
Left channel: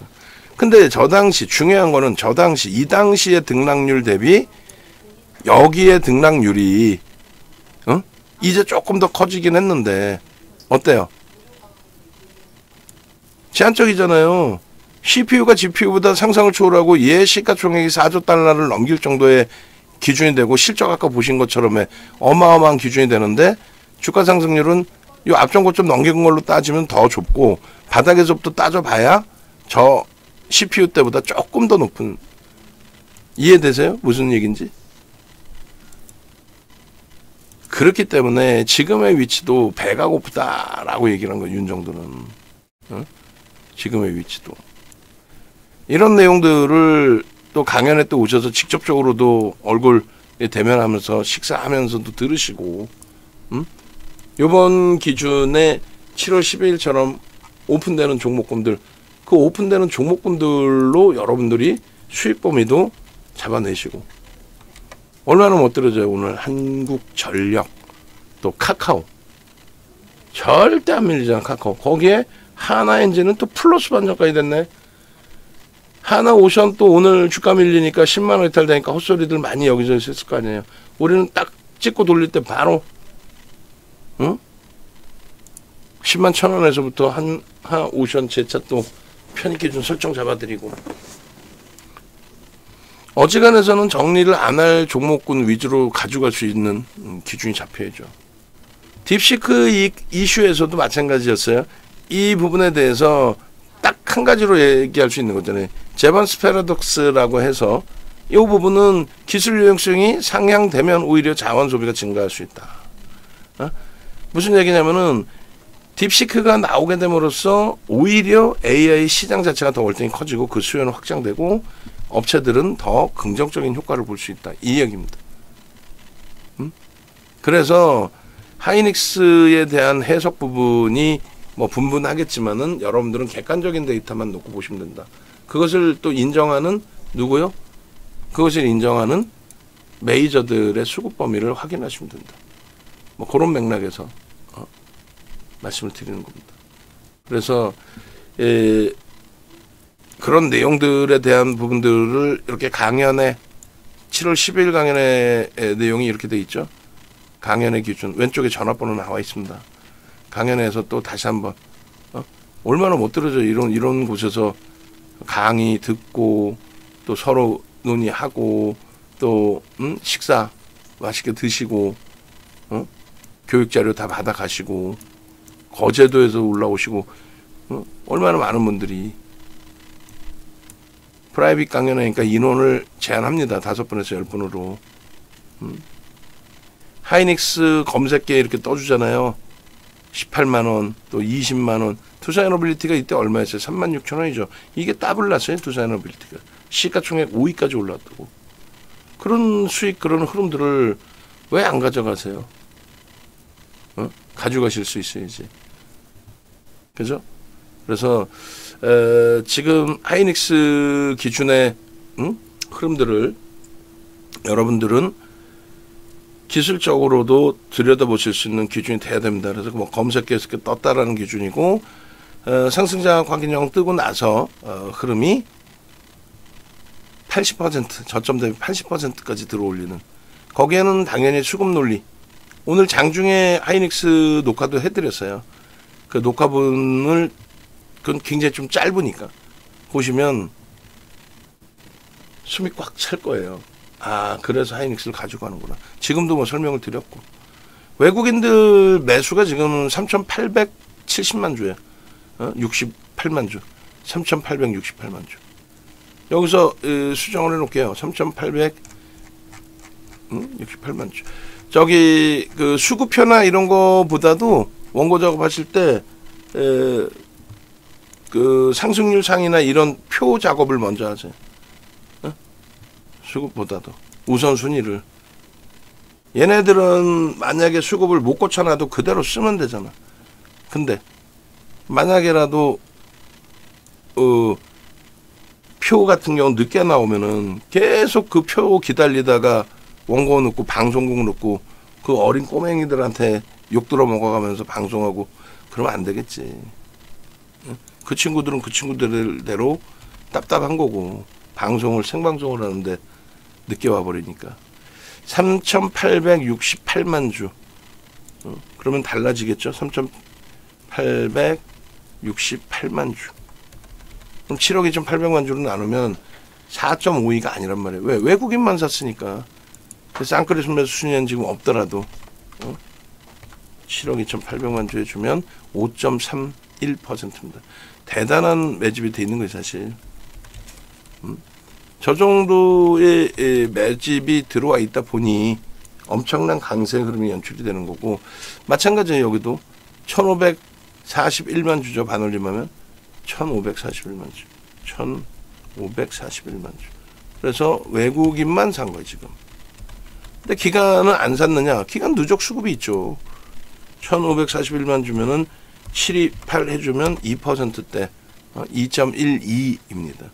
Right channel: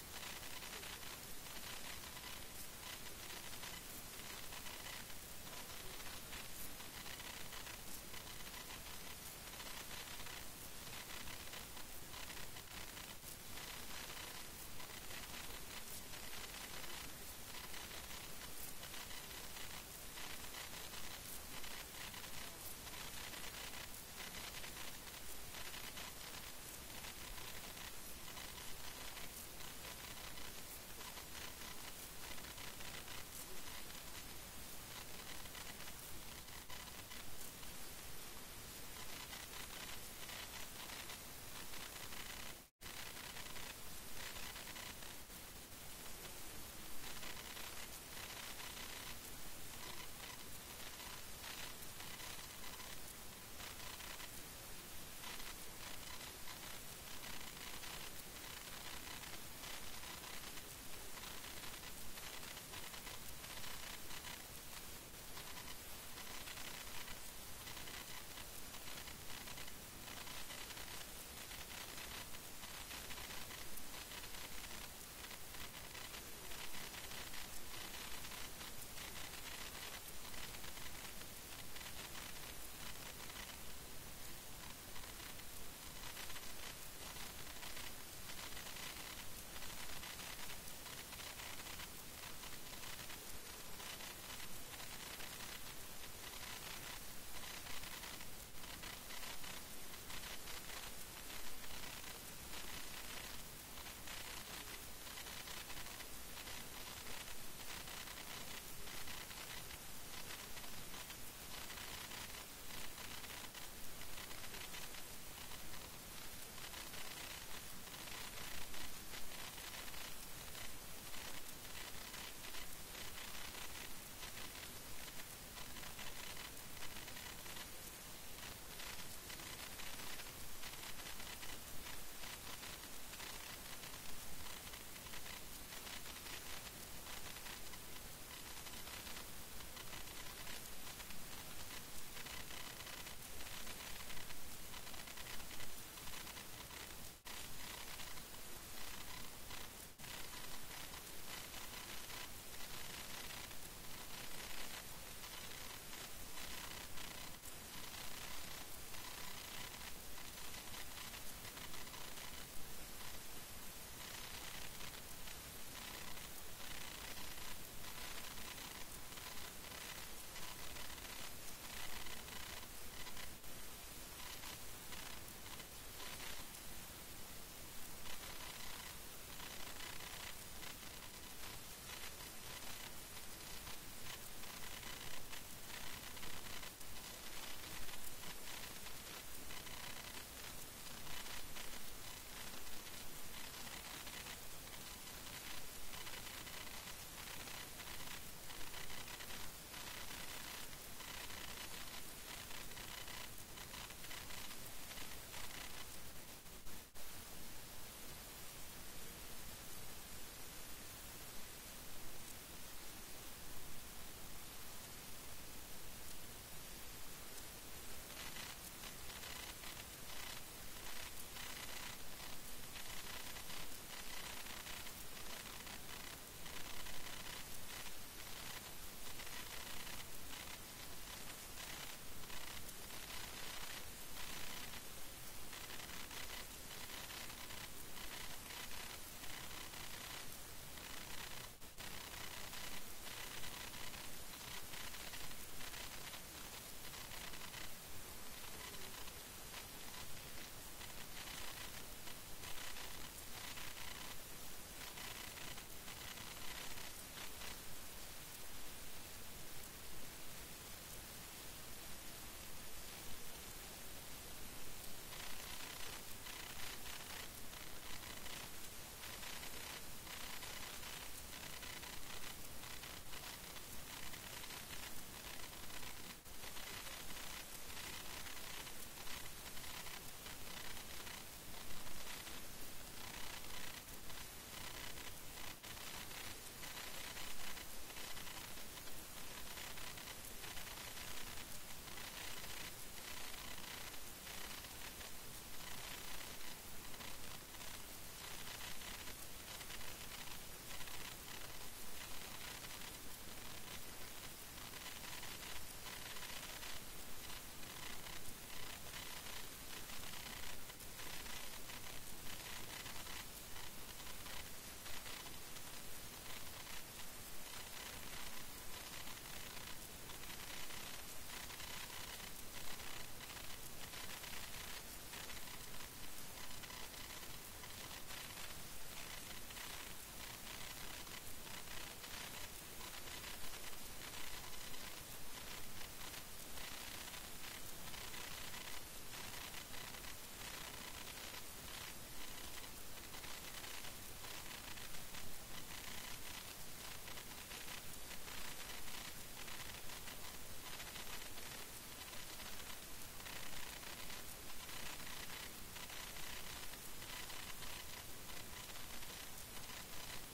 근데 저 당시 중요한 거는 저 당시 이 당시의 등락률 대비 여기에 등락률이 이제 조금 더 커지긴 했는데 어때요? 제한적이잖아요. CPU가 GPU보다 상상을 초월하고 얘 시가총액이 4조 달러를 넘길 정도의 기준이 되고 실적 아까 보신 것처럼 어마어마한 기준이 되는데 주가 상승률은 이 앞전 고점 넘긴 걸로 따지면 더 좁고 바닥에서부터 따져봐야 저 CPU 때보다 조금 더 높은. 이해되세요? 무슨 얘기인지? 그렇기 때문에 지금의 위치도 배가 고프다라고 얘기를 한 거예요. 윤정도는. 지금의 위치도. 이런 내용들을 또 강연에 또 오셔서 직접적으로도 얼굴 대면하면서 식사하면서도 들으시고 요번 기준에 7월 12일처럼 오픈되는 종목군들, 그 오픈되는 종목군들로 여러분들이 수익 범위도 잡아내시고. 얼마나 못 들어져요. 오늘 한국전력 또 카카오 절대 안 밀리잖아. 카카오. 거기에 하나엔진은 또 플러스 반전까지 됐네. 하나오션 또 오늘 주가 밀리니까 10만 원 이탈되니까 헛소리들 많이 여기서 했을 거 아니에요. 우리는 딱 찍고 돌릴 때 바로 10만 1,000원에서부터 하나오션 제차 또 편입기준 설정 잡아드리고. 어지간해서는 정리를 안 할 종목군 위주로 가져갈 수 있는 기준이 잡혀야죠. 딥시크 이슈에서도 마찬가지였어요. 이 부분에 대해서 딱 한 가지로 얘기할 수 있는 거잖아요. 제번스 패러독스라고 해서 이 부분은 기술 유용성이 상향되면 오히려 자원 소비가 증가할 수 있다. 무슨 얘기냐면은 딥시크가 나오게 됨으로써 오히려 AI 시장 자체가 더 월등히 커지고 그 수요는 확장되고 업체들은 더 긍정적인 효과를 볼 수 있다. 이 얘기입니다. 그래서 하이닉스에 대한 해석 부분이 뭐 분분하겠지만은 여러분들은 객관적인 데이터만 놓고 보시면 된다. 그것을 또 인정하는 누구요? 그것을 인정하는 메이저들의 수급 범위를 확인하시면 된다. 뭐 그런 맥락에서 말씀을 드리는 겁니다. 그래서 그런 내용들에 대한 부분들을 이렇게 강연에 7월 10일 강연의 내용이 이렇게 돼 있죠. 강연의 기준 왼쪽에 전화번호 나와 있습니다. 강연에서 또 다시 한번 얼마나 못 들어져 이런 곳에서 강의 듣고 또 서로 논의하고 또 식사 맛있게 드시고 교육 자료 다 받아 가시고 거제도에서 올라오시고 얼마나 많은 분들이 프라이빗 강연하니까 인원을 제한합니다. 5분에서 10분으로. 하이닉스 검색기에 이렇게 떠주잖아요. 18만원 또 20만원. 투자에너빌리티가 이때 얼마였어요? 36,000원이죠. 이게 더블 났어요. 투자에너빌리티가. 시가총액 5위까지 올랐다고. 그런 수익 그런 흐름들을 왜 안 가져가세요? 가져가실 수 있어야지. 그죠? 그래서 지금 하이닉스 기준의 흐름들을 여러분들은 기술적으로도 들여다보실 수 있는 기준이 돼야 됩니다. 그래서 뭐 검색해서 떴다라는 기준이고, 상승장 확인형 뜨고 나서 흐름이 80% 저점 대비 80%까지 들어올리는, 거기에는 당연히 수급 논리, 오늘 장중에 하이닉스 녹화도 해드렸어요. 그 녹화분을 그건 굉장히 좀 짧으니까 보시면 숨이 꽉 찰 거예요. 아, 그래서 하이닉스를 가지고 가는구나. 지금도 뭐 설명을 드렸고, 외국인들 매수가 지금 3,870만 주예요. 68만 주, 3,868만 주. 여기서 수정을 해놓을게요. 3,868만 주. 저기 그 수급표나 이런 거보다도 원고 작업하실 때 그 상승률 상이나 이런 표 작업을 먼저 하세요. 수급보다도 우선순위를. 얘네들은 만약에 수급을 못 고쳐놔도 그대로 쓰면 되잖아. 근데 만약에라도 표 같은 경우 늦게 나오면은 계속 그 표 기다리다가 원고 넣고 방송국 넣고 그 어린 꼬맹이들한테 욕 들어 먹어가면서 방송하고 그러면 안 되겠지. 그 친구들은 그 친구들대로 답답한 거고, 방송을 생방송을 하는데 늦게 와버리니까. 3,868만 주. 그러면 달라지겠죠. 3,868만 주. 그럼 7억 2,800만 주로 나누면 4.52가 아니란 말이에요. 왜? 외국인만 샀으니까. 쌍끌이 순매수 순위는 지금 없더라도 7억 2,800만 주에 주면 5.31%입니다. 대단한 매집이 돼 있는 거예요, 사실. 저 정도의 매집이 들어와 있다 보니 엄청난 강세 흐름이 연출이 되는 거고, 마찬가지예요. 여기도 1,541만 주죠. 반올림하면 1,541만 주, 1,541만 주. 그래서 외국인만 산 거예요, 지금. 근데 기간은 안 샀느냐? 기간 누적 수급이 있죠. 1,541만 주면은 728 해주면 2%대 2.12입니다.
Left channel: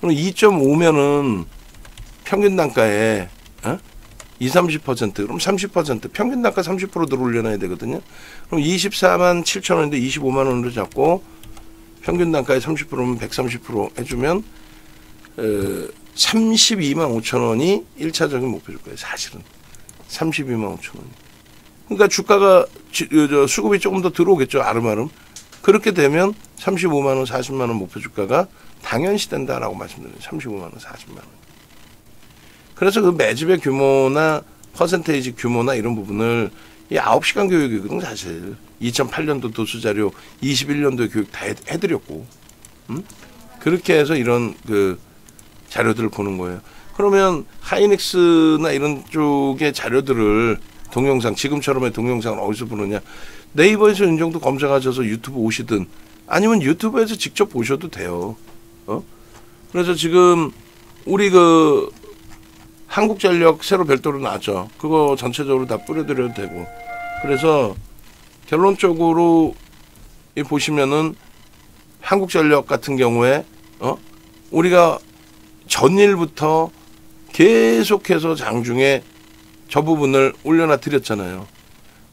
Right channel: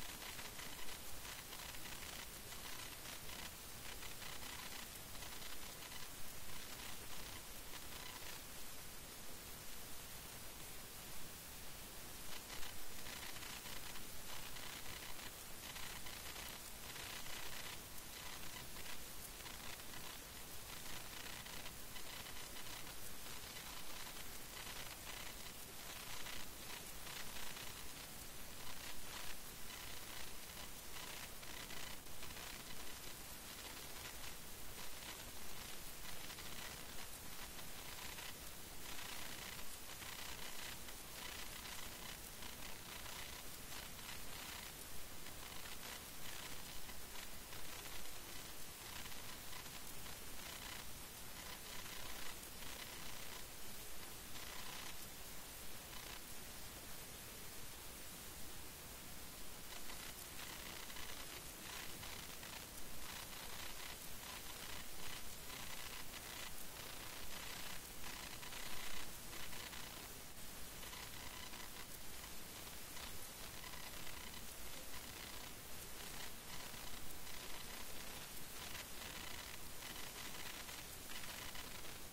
그럼 2.5면은 평균 단가에 20-30%, 그럼 30%, 평균 단가 30% 들어올려놔야 되거든요. 그럼 24만 7천 원인데 25만 원으로 잡고 평균 단가에 30%면 130% 해주면 32만 5천 원이 1차적인 목표일 거예요. 사실은 32만 5천 원. 그러니까 주가가 수급이 조금 더 들어오겠죠. 아름아름. 그렇게 되면 35만 원, 40만 원 목표 주가가 당연시 된다라고 말씀드려요. 35만 원, 40만 원. 그래서 그 매집의 규모나 퍼센테이지 규모나 이런 부분을 이 9시간 교육이거든 사실. 2008년도 도수자료, 21년도 교육 다 해드렸고, 그렇게 해서 이런 그 자료들을 보는 거예요. 그러면 하이닉스나 이런 쪽의 자료들을 동영상, 지금처럼의 동영상을 어디서 보느냐? 네이버에서 이 정도 검색하셔서 유튜브 오시든 아니면 유튜브에서 직접 보셔도 돼요. 그래서 지금 우리 그 한국전력 새로 별도로 나왔죠. 그거 전체적으로 다 뿌려드려도 되고. 그래서 결론적으로 이 보시면은 한국전력 같은 경우에 우리가 전일부터 계속해서 장중에 저 부분을 올려놔 드렸잖아요.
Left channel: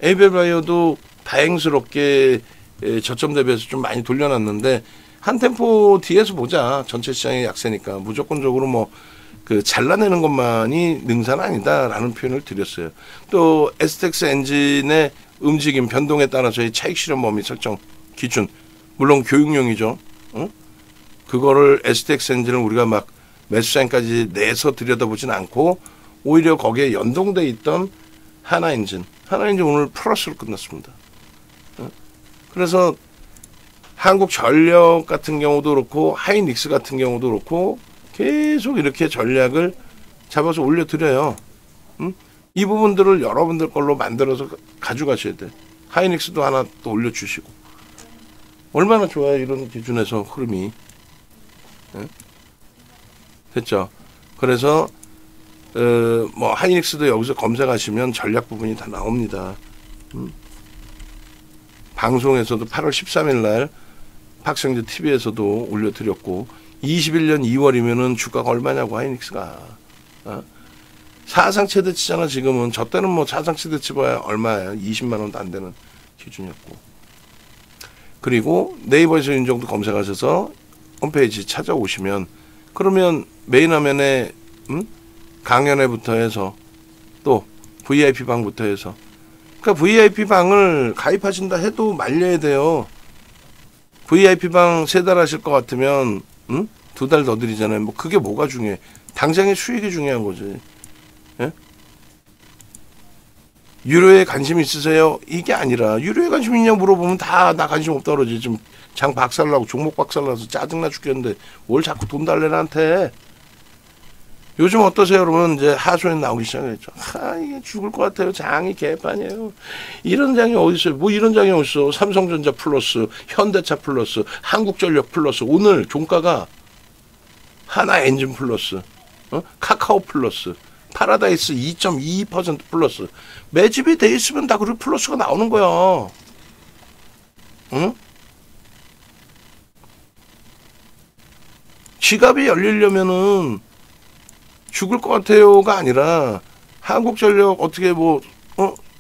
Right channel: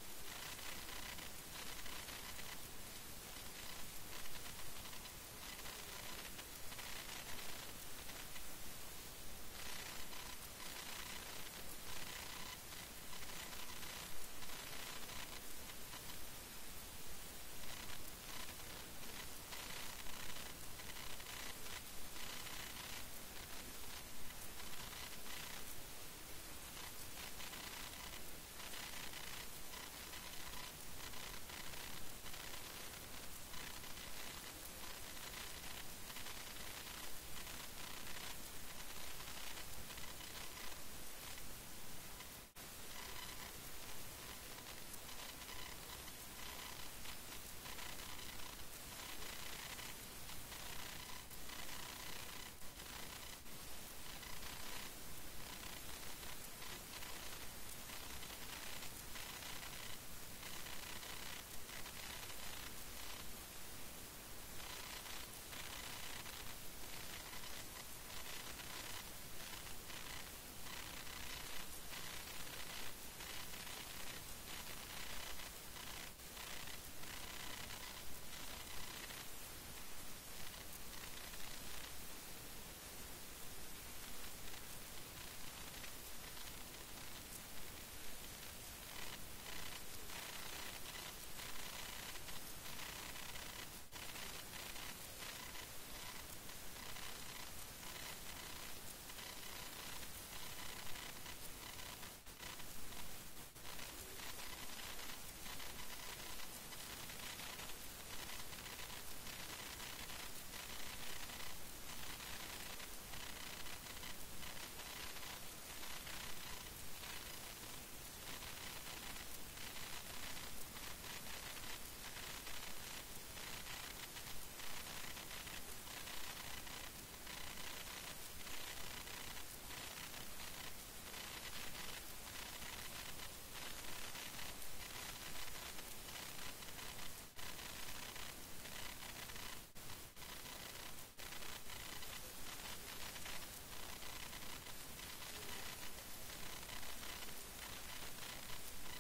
에이벨바이오도 다행스럽게 저점 대비해서 좀 많이 돌려놨는데 한 템포 뒤에서 보자. 전체 시장의 약세니까 무조건적으로 뭐 그 잘라내는 것만이 능사는 아니다라는 표현을 드렸어요. 또 STX 엔진의 움직임 변동에 따라서의 차익 실현 범위 설정 기준, 물론 교육용이죠. 그거를 STX 엔진을 우리가 막 매수장까지 내서 들여다보진 않고 오히려 거기에 연동돼 있던 하나엔진 오늘 플러스로 끝났습니다. 그래서 한국전력 같은 경우도 그렇고 하이닉스 같은 경우도 그렇고 계속 이렇게 전략을 잡아서 올려드려요. 이 부분들을 여러분들 걸로 만들어서 가져가셔야 돼요. 하이닉스도 하나 또 올려주시고. 얼마나 좋아요, 이런 기준에서 흐름이. 됐죠? 그래서 뭐 하이닉스도 여기서 검색하시면 전략 부분이 다 나옵니다. 방송에서도 8월 13일 날 박성재 TV에서도 올려드렸고 21년 2월이면은 주가가 얼마냐고 하이닉스가 사상 최대치잖아. 지금은 저 때는 뭐 사상 최대치 봐야 얼마야 20만 원도 안 되는 기준이었고. 그리고 네이버에서 윤정도 검색하셔서 홈페이지 찾아오시면 그러면 메인 화면에 강연회부터 해서 또 VIP 방부터 해서 그러니까 VIP 방을 가입하신다 해도 말려야 돼요. VIP 방 3달 하실 것 같으면 2달 더 드리잖아요. 뭐 그게 뭐가 중요해. 당장의 수익이 중요한 거지. 예? 유료에 관심 있으세요? 이게 아니라 유료에 관심 있냐 물어보면 다 나 관심 없다 그러지. 지금 장 박살나고 종목 박살나서 짜증나 죽겠는데 뭘 자꾸 돈 달래 나한테. 요즘 어떠세요 여러분? 이제 하소연 나오기 시작했죠. 이게 죽을 것 같아요. 장이 개판이에요. 이런 장이 어디 있어요? 뭐 이런 장이 어디 있어? 삼성전자 플러스, 현대차 플러스, 한국전력 플러스. 오늘 종가가 하나엔진 플러스, 카카오 플러스, 파라다이스 2.22% 플러스. 매집이 돼 있으면 다 그렇게 플러스가 나오는 거야. 응? 지갑이 열리려면은 죽을 것 같아요가 아니라 한국전력 어떻게 뭐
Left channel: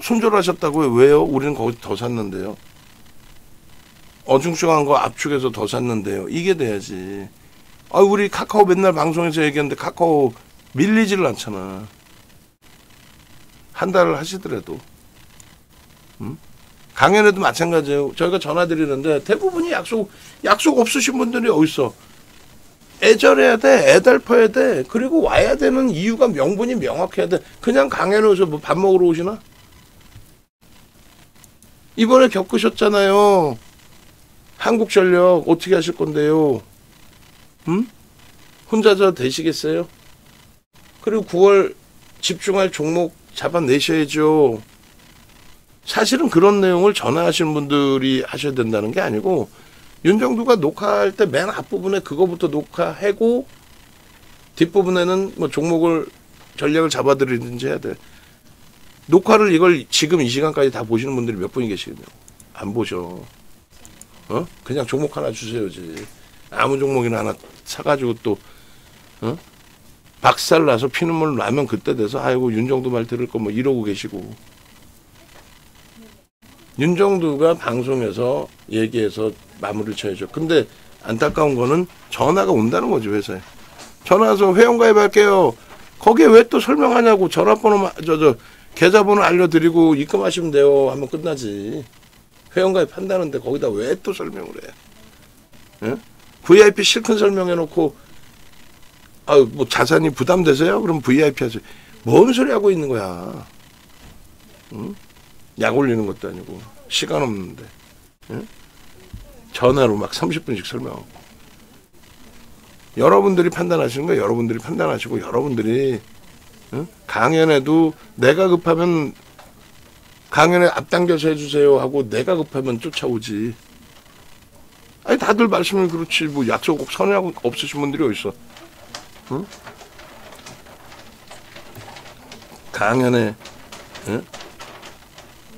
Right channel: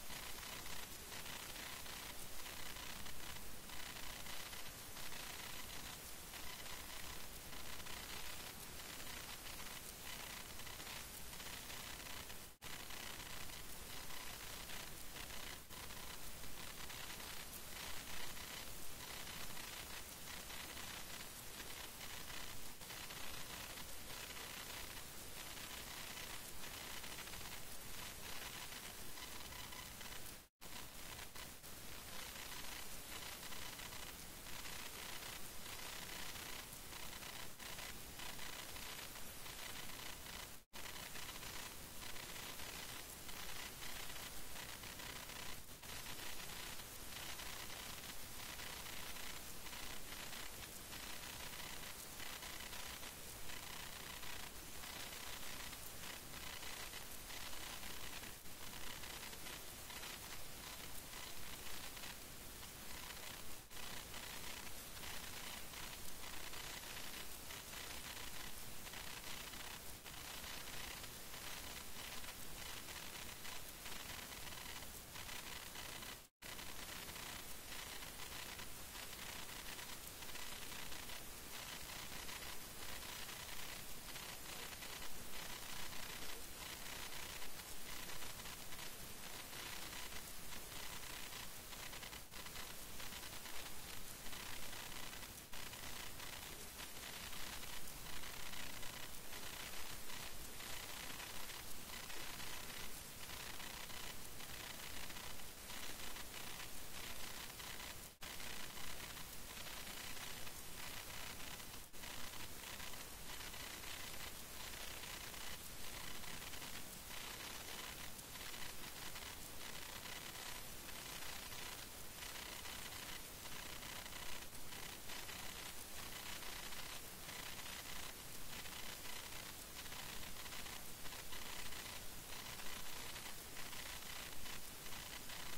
손절하셨다고요? 왜요? 우리는 거기 더 샀는데요. 어중중한 거 압축해서 더 샀는데요. 이게 돼야지. 우리 카카오 맨날 방송에서 얘기하는데 카카오 밀리지를 않잖아. 한 달을 하시더라도. 강연에도 마찬가지예요. 저희가 전화 드리는데 대부분이 약속 없으신 분들이 어딨어. 애절해야 돼. 애달퍼야 돼. 그리고 와야 되는 이유가 명분이 명확해야 돼. 그냥 강연에 오셔 뭐 밥 먹으러 오시나? 이번에 겪으셨잖아요. 한국전력 어떻게 하실 건데요? 혼자 되시겠어요? 그리고 9월 집중할 종목 잡아내셔야죠. 사실은 그런 내용을 전화하시는 분들이 하셔야 된다는 게 아니고 윤정두가 녹화할 때 맨 앞부분에 그거부터 녹화하고 뒷부분에는 뭐 종목을 전략을 잡아드리든지 해야 돼. 녹화를 이걸 지금 이 시간까지 다 보시는 분들이 몇 분이 계시거든요. 안 보셔. 그냥 종목 하나 주세요지. 아무 종목이나 하나 사가지고 또 박살나서 피눈물 나면 그때 돼서 아이고 윤정두 말 들을 거 뭐 이러고 계시고. 윤정두가 방송에서 얘기해서 마무리를 쳐야죠. 근데 안타까운 거는 전화가 온다는 거죠. 회사에. 전화 와서 회원가입할게요. 거기에 왜 또 설명하냐고. 전화번호 계좌번호 알려드리고 입금하시면 돼요 하면 끝나지. 회원가입한다는데 거기다 왜 또 설명을 해. 예? VIP 실컷 설명해놓고 뭐 자산이 부담되세요? 그럼 VIP 하세요. 뭔 소리 하고 있는 거야. 약 올리는 것도 아니고 시간 없는데 전화로 막 30분씩 설명하고. 여러분들이 판단하시는 거예요. 여러분들이 판단하시고 여러분들이 강연에도 내가 급하면 강연에 앞당겨서 해주세요 하고 내가 급하면 쫓아오지. 다들 말씀을 그렇지 뭐 약속 꼭 선회하고 없으신 분들이 어딨어. 강연에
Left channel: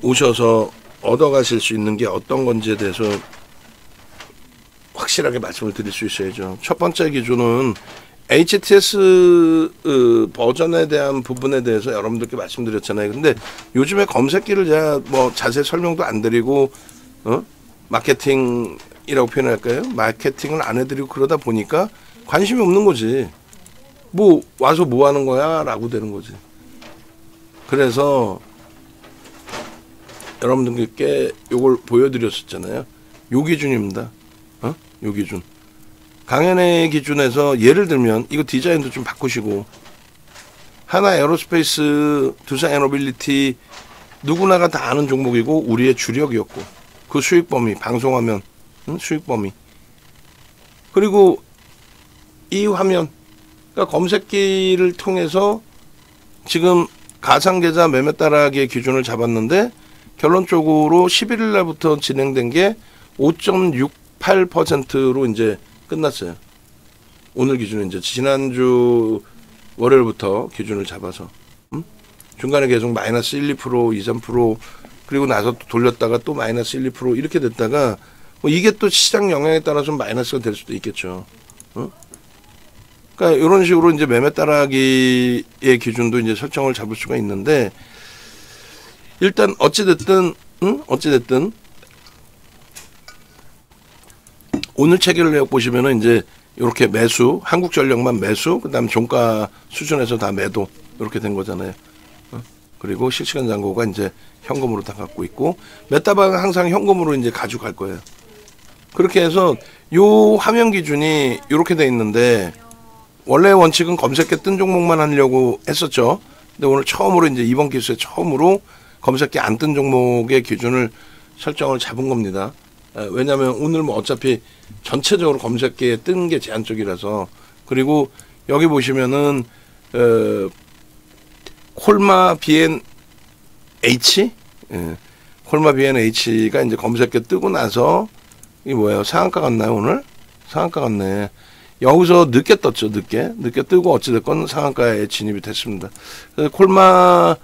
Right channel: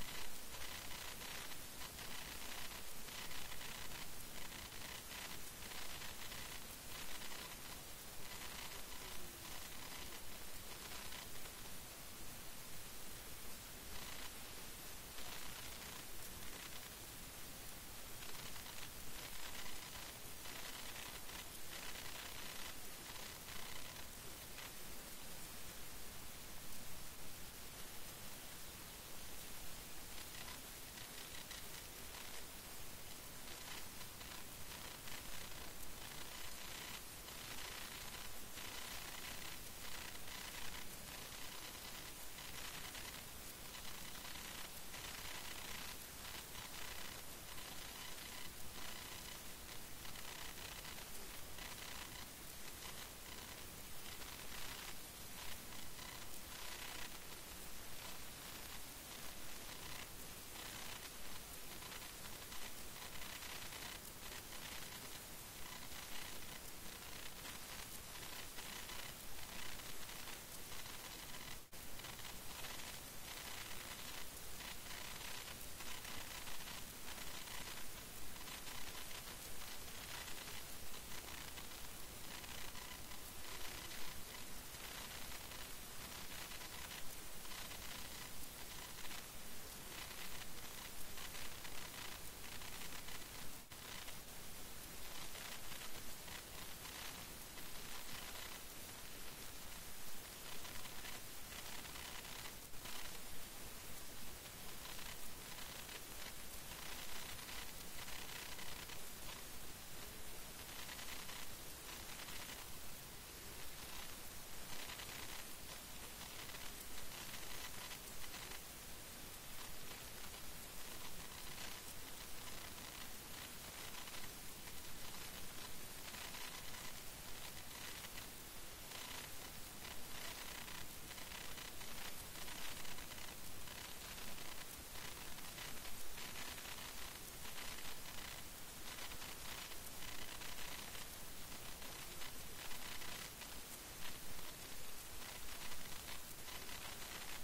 오셔서 얻어가실 수 있는 게 어떤 건지에 대해서 확실하게 말씀을 드릴 수 있어야죠. 첫 번째 기준은 HTS 버전에 대한 부분에 대해서 여러분들께 말씀드렸잖아요. 근데 요즘에 검색기를 제가 뭐 자세히 설명도 안 드리고 마케팅이라고 표현할까요? 마케팅을 안 해드리고 그러다 보니까 관심이 없는 거지. 뭐 와서 뭐 하는 거야? 라고 되는 거지. 그래서 여러분들께 요걸 보여드렸었잖아요. 요 기준입니다. 요 기준. 강연의 기준에서 예를 들면 이거 디자인도 좀 바꾸시고 하나 에어로스페이스, 두산 에너빌리티 누구나가 다 아는 종목이고 우리의 주력이었고 그 수익 범위 방송하면 수익 범위 그리고 이 화면 그러니까 검색기를 통해서 지금 가상계좌 매매 따라하기의 기준을 잡았는데 결론적으로 11일 날부터 진행된 게 5.68%로 이제 끝났어요. 오늘 기준은 이제 지난주 월요일부터 기준을 잡아서 중간에 계속 마이너스 1, 2%, 2, 3% 그리고 나서 또 돌렸다가 또 마이너스 1, 2% 이렇게 됐다가 뭐 이게 또 시장 영향에 따라 좀 마이너스가 될 수도 있겠죠. 그러니까 이런 식으로 이제 매매 따라하기의 기준도 이제 설정을 잡을 수가 있는데 일단 어찌됐든 오늘 체결을 보시면은 이제 이렇게 매수, 한국전력만 매수, 그다음 종가 수준에서 다 매도 이렇게 된 거잖아요. 그리고 실시간 잔고가 이제 현금으로 다 갖고 있고 메타방은 항상 현금으로 이제 가져갈 거예요. 그렇게 해서 요 화면 기준이 이렇게 돼 있는데 원래 원칙은 검색계 뜬 종목만 하려고 했었죠. 근데 오늘 처음으로 이제 이번 기수에 처음으로 검색계 안 뜬 종목의 기준을 설정을 잡은 겁니다. 왜냐하면 오늘 뭐 어차피 전체적으로 검색계에 뜬 게 제한적이라서 그리고 여기 보시면은 콜마 BNH 콜마 BNH가 이제 검색계 뜨고 나서 이게 뭐예요? 상한가 같나요 오늘? 상한가 같네. 여기서 늦게 떴죠. 늦게 뜨고 어찌됐건 상한가에 진입이 됐습니다. 그래서 콜마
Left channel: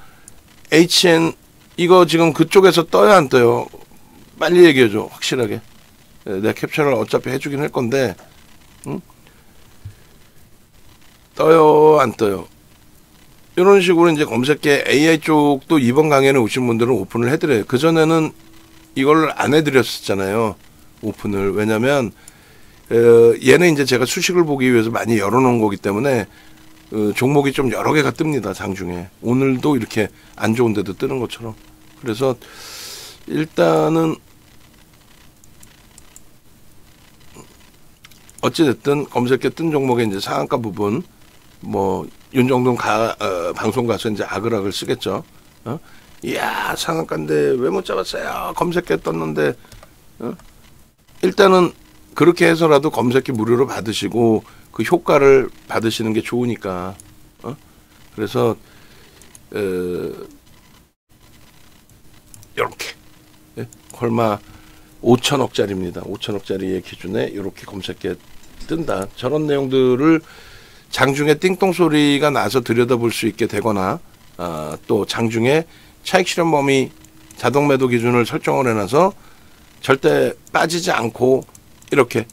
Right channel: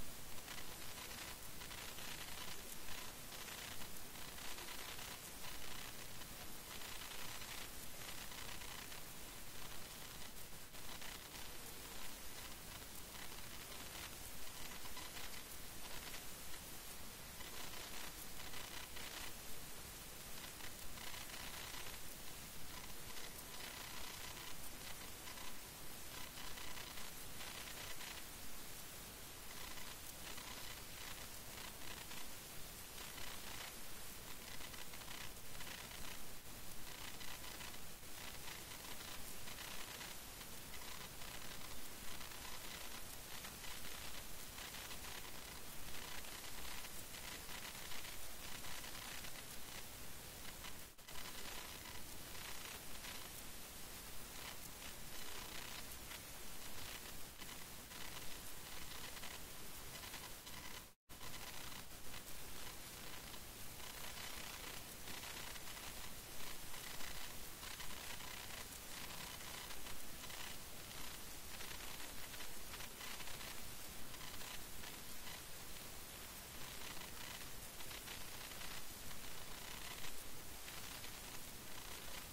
HN 이거 지금 그쪽에서 떠요 안 떠요? 빨리 얘기해줘 확실하게. 내가 캡처를 어차피 해주긴 할 건데 떠요 안 떠요? 이런 식으로 이제 검색계 AI 쪽도 이번 강연에 오신 분들은 오픈을 해드려요. 그전에는 이걸 안 해드렸었잖아요. 오픈을. 왜냐면 얘는 이제 제가 수식을 보기 위해서 많이 열어놓은 거기 때문에 종목이 좀 여러 개가 뜹니다. 장중에. 오늘도 이렇게 안 좋은 데도 뜨는 것처럼. 그래서 일단은 어찌됐든 검색계 뜬 종목의 이제 상한가 부분 뭐 윤정동 방송 가서 이제 아그락을 쓰겠죠. 이야 상한가인데 왜 못 잡았어요? 검색계 떴는데. 일단은 그렇게 해서라도 검색계 무료로 받으시고 그 효과를 받으시는 게 좋으니까. 그래서 이렇게 콜마 5천억짜리입니다. 5천억짜리의 기준에 이렇게 검색계 뜬다. 저런 내용들을 장중에 띵동 소리가 나서 들여다볼 수 있게 되거나 또 장중에 차익 실현 범위 자동 매도 기준을 설정을 해놔서 절대 빠지지 않고 이렇게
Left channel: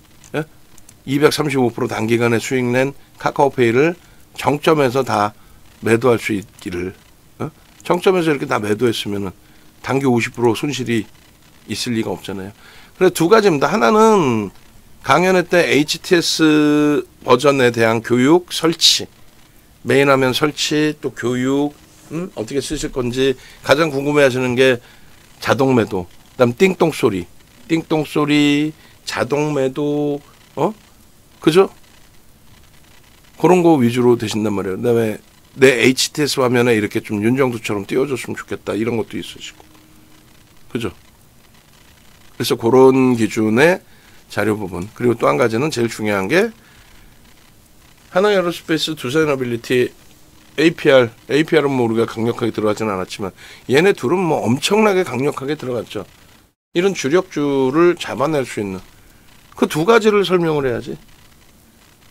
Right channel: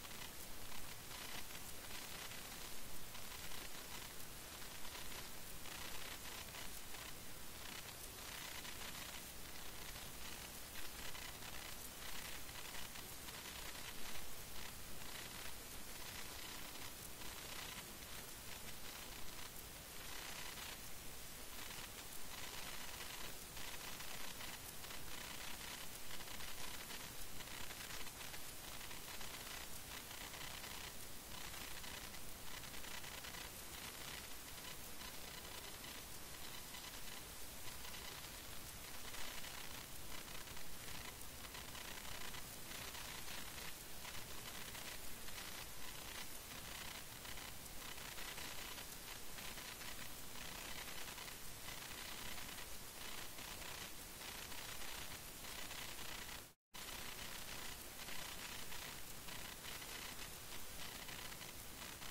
235% 단기간에 수익 낸 카카오페이를 정점에서 다 매도할 수 있기를. 정점에서 이렇게 다 매도했으면은 단기 50% 손실이 있을 리가 없잖아요. 그래서 두 가지입니다. 하나는 강연회 때 HTS 버전에 대한 교육 설치, 메인 화면 설치, 또 교육, 어떻게 쓰실 건지 가장 궁금해하시는 게 자동 매도, 그다음 띵동 소리, 자동 매도, 그죠? 그런 거 위주로 되신단 말이에요. 그다음에 내 HTS 화면에 이렇게 좀 윤정도처럼 띄워줬으면 좋겠다 이런 것도 있으시고, 그죠? 그래서 그런 기준의 자료 부분. 그리고 또 한 가지는 제일 중요한 게 하나에어로스페이스, 두산에너빌리티, APR은 뭐 우리가 강력하게 들어가지는 않았지만 얘네 둘은 뭐 엄청나게 강력하게 들어갔죠. 이런 주력주를 잡아낼 수 있는 그 두 가지를 설명을 해야지.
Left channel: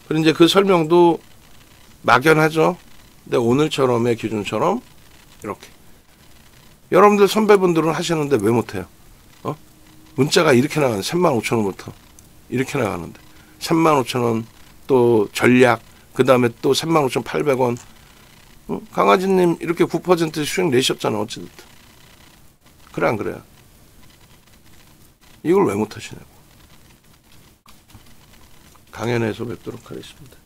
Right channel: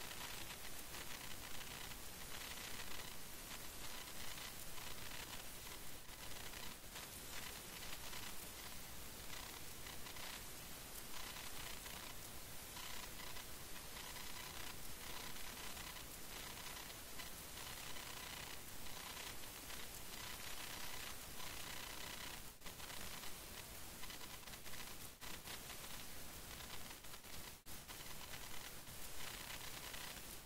그리고 이제 그 설명도 막연하죠. 근데 오늘처럼의 기준처럼 이렇게 여러분들 선배분들은 하시는데 왜 못해요? 문자가 이렇게 나가는 35,000원부터 이렇게 나가는데 35,000원 또 전략 그 다음에 또 35,800원. 강아지님 이렇게 9% 수익 내셨잖아. 어찌됐든 그래 안 그래요? 이걸 왜 못하시냐고. 강연에서 뵙도록 하겠습니다.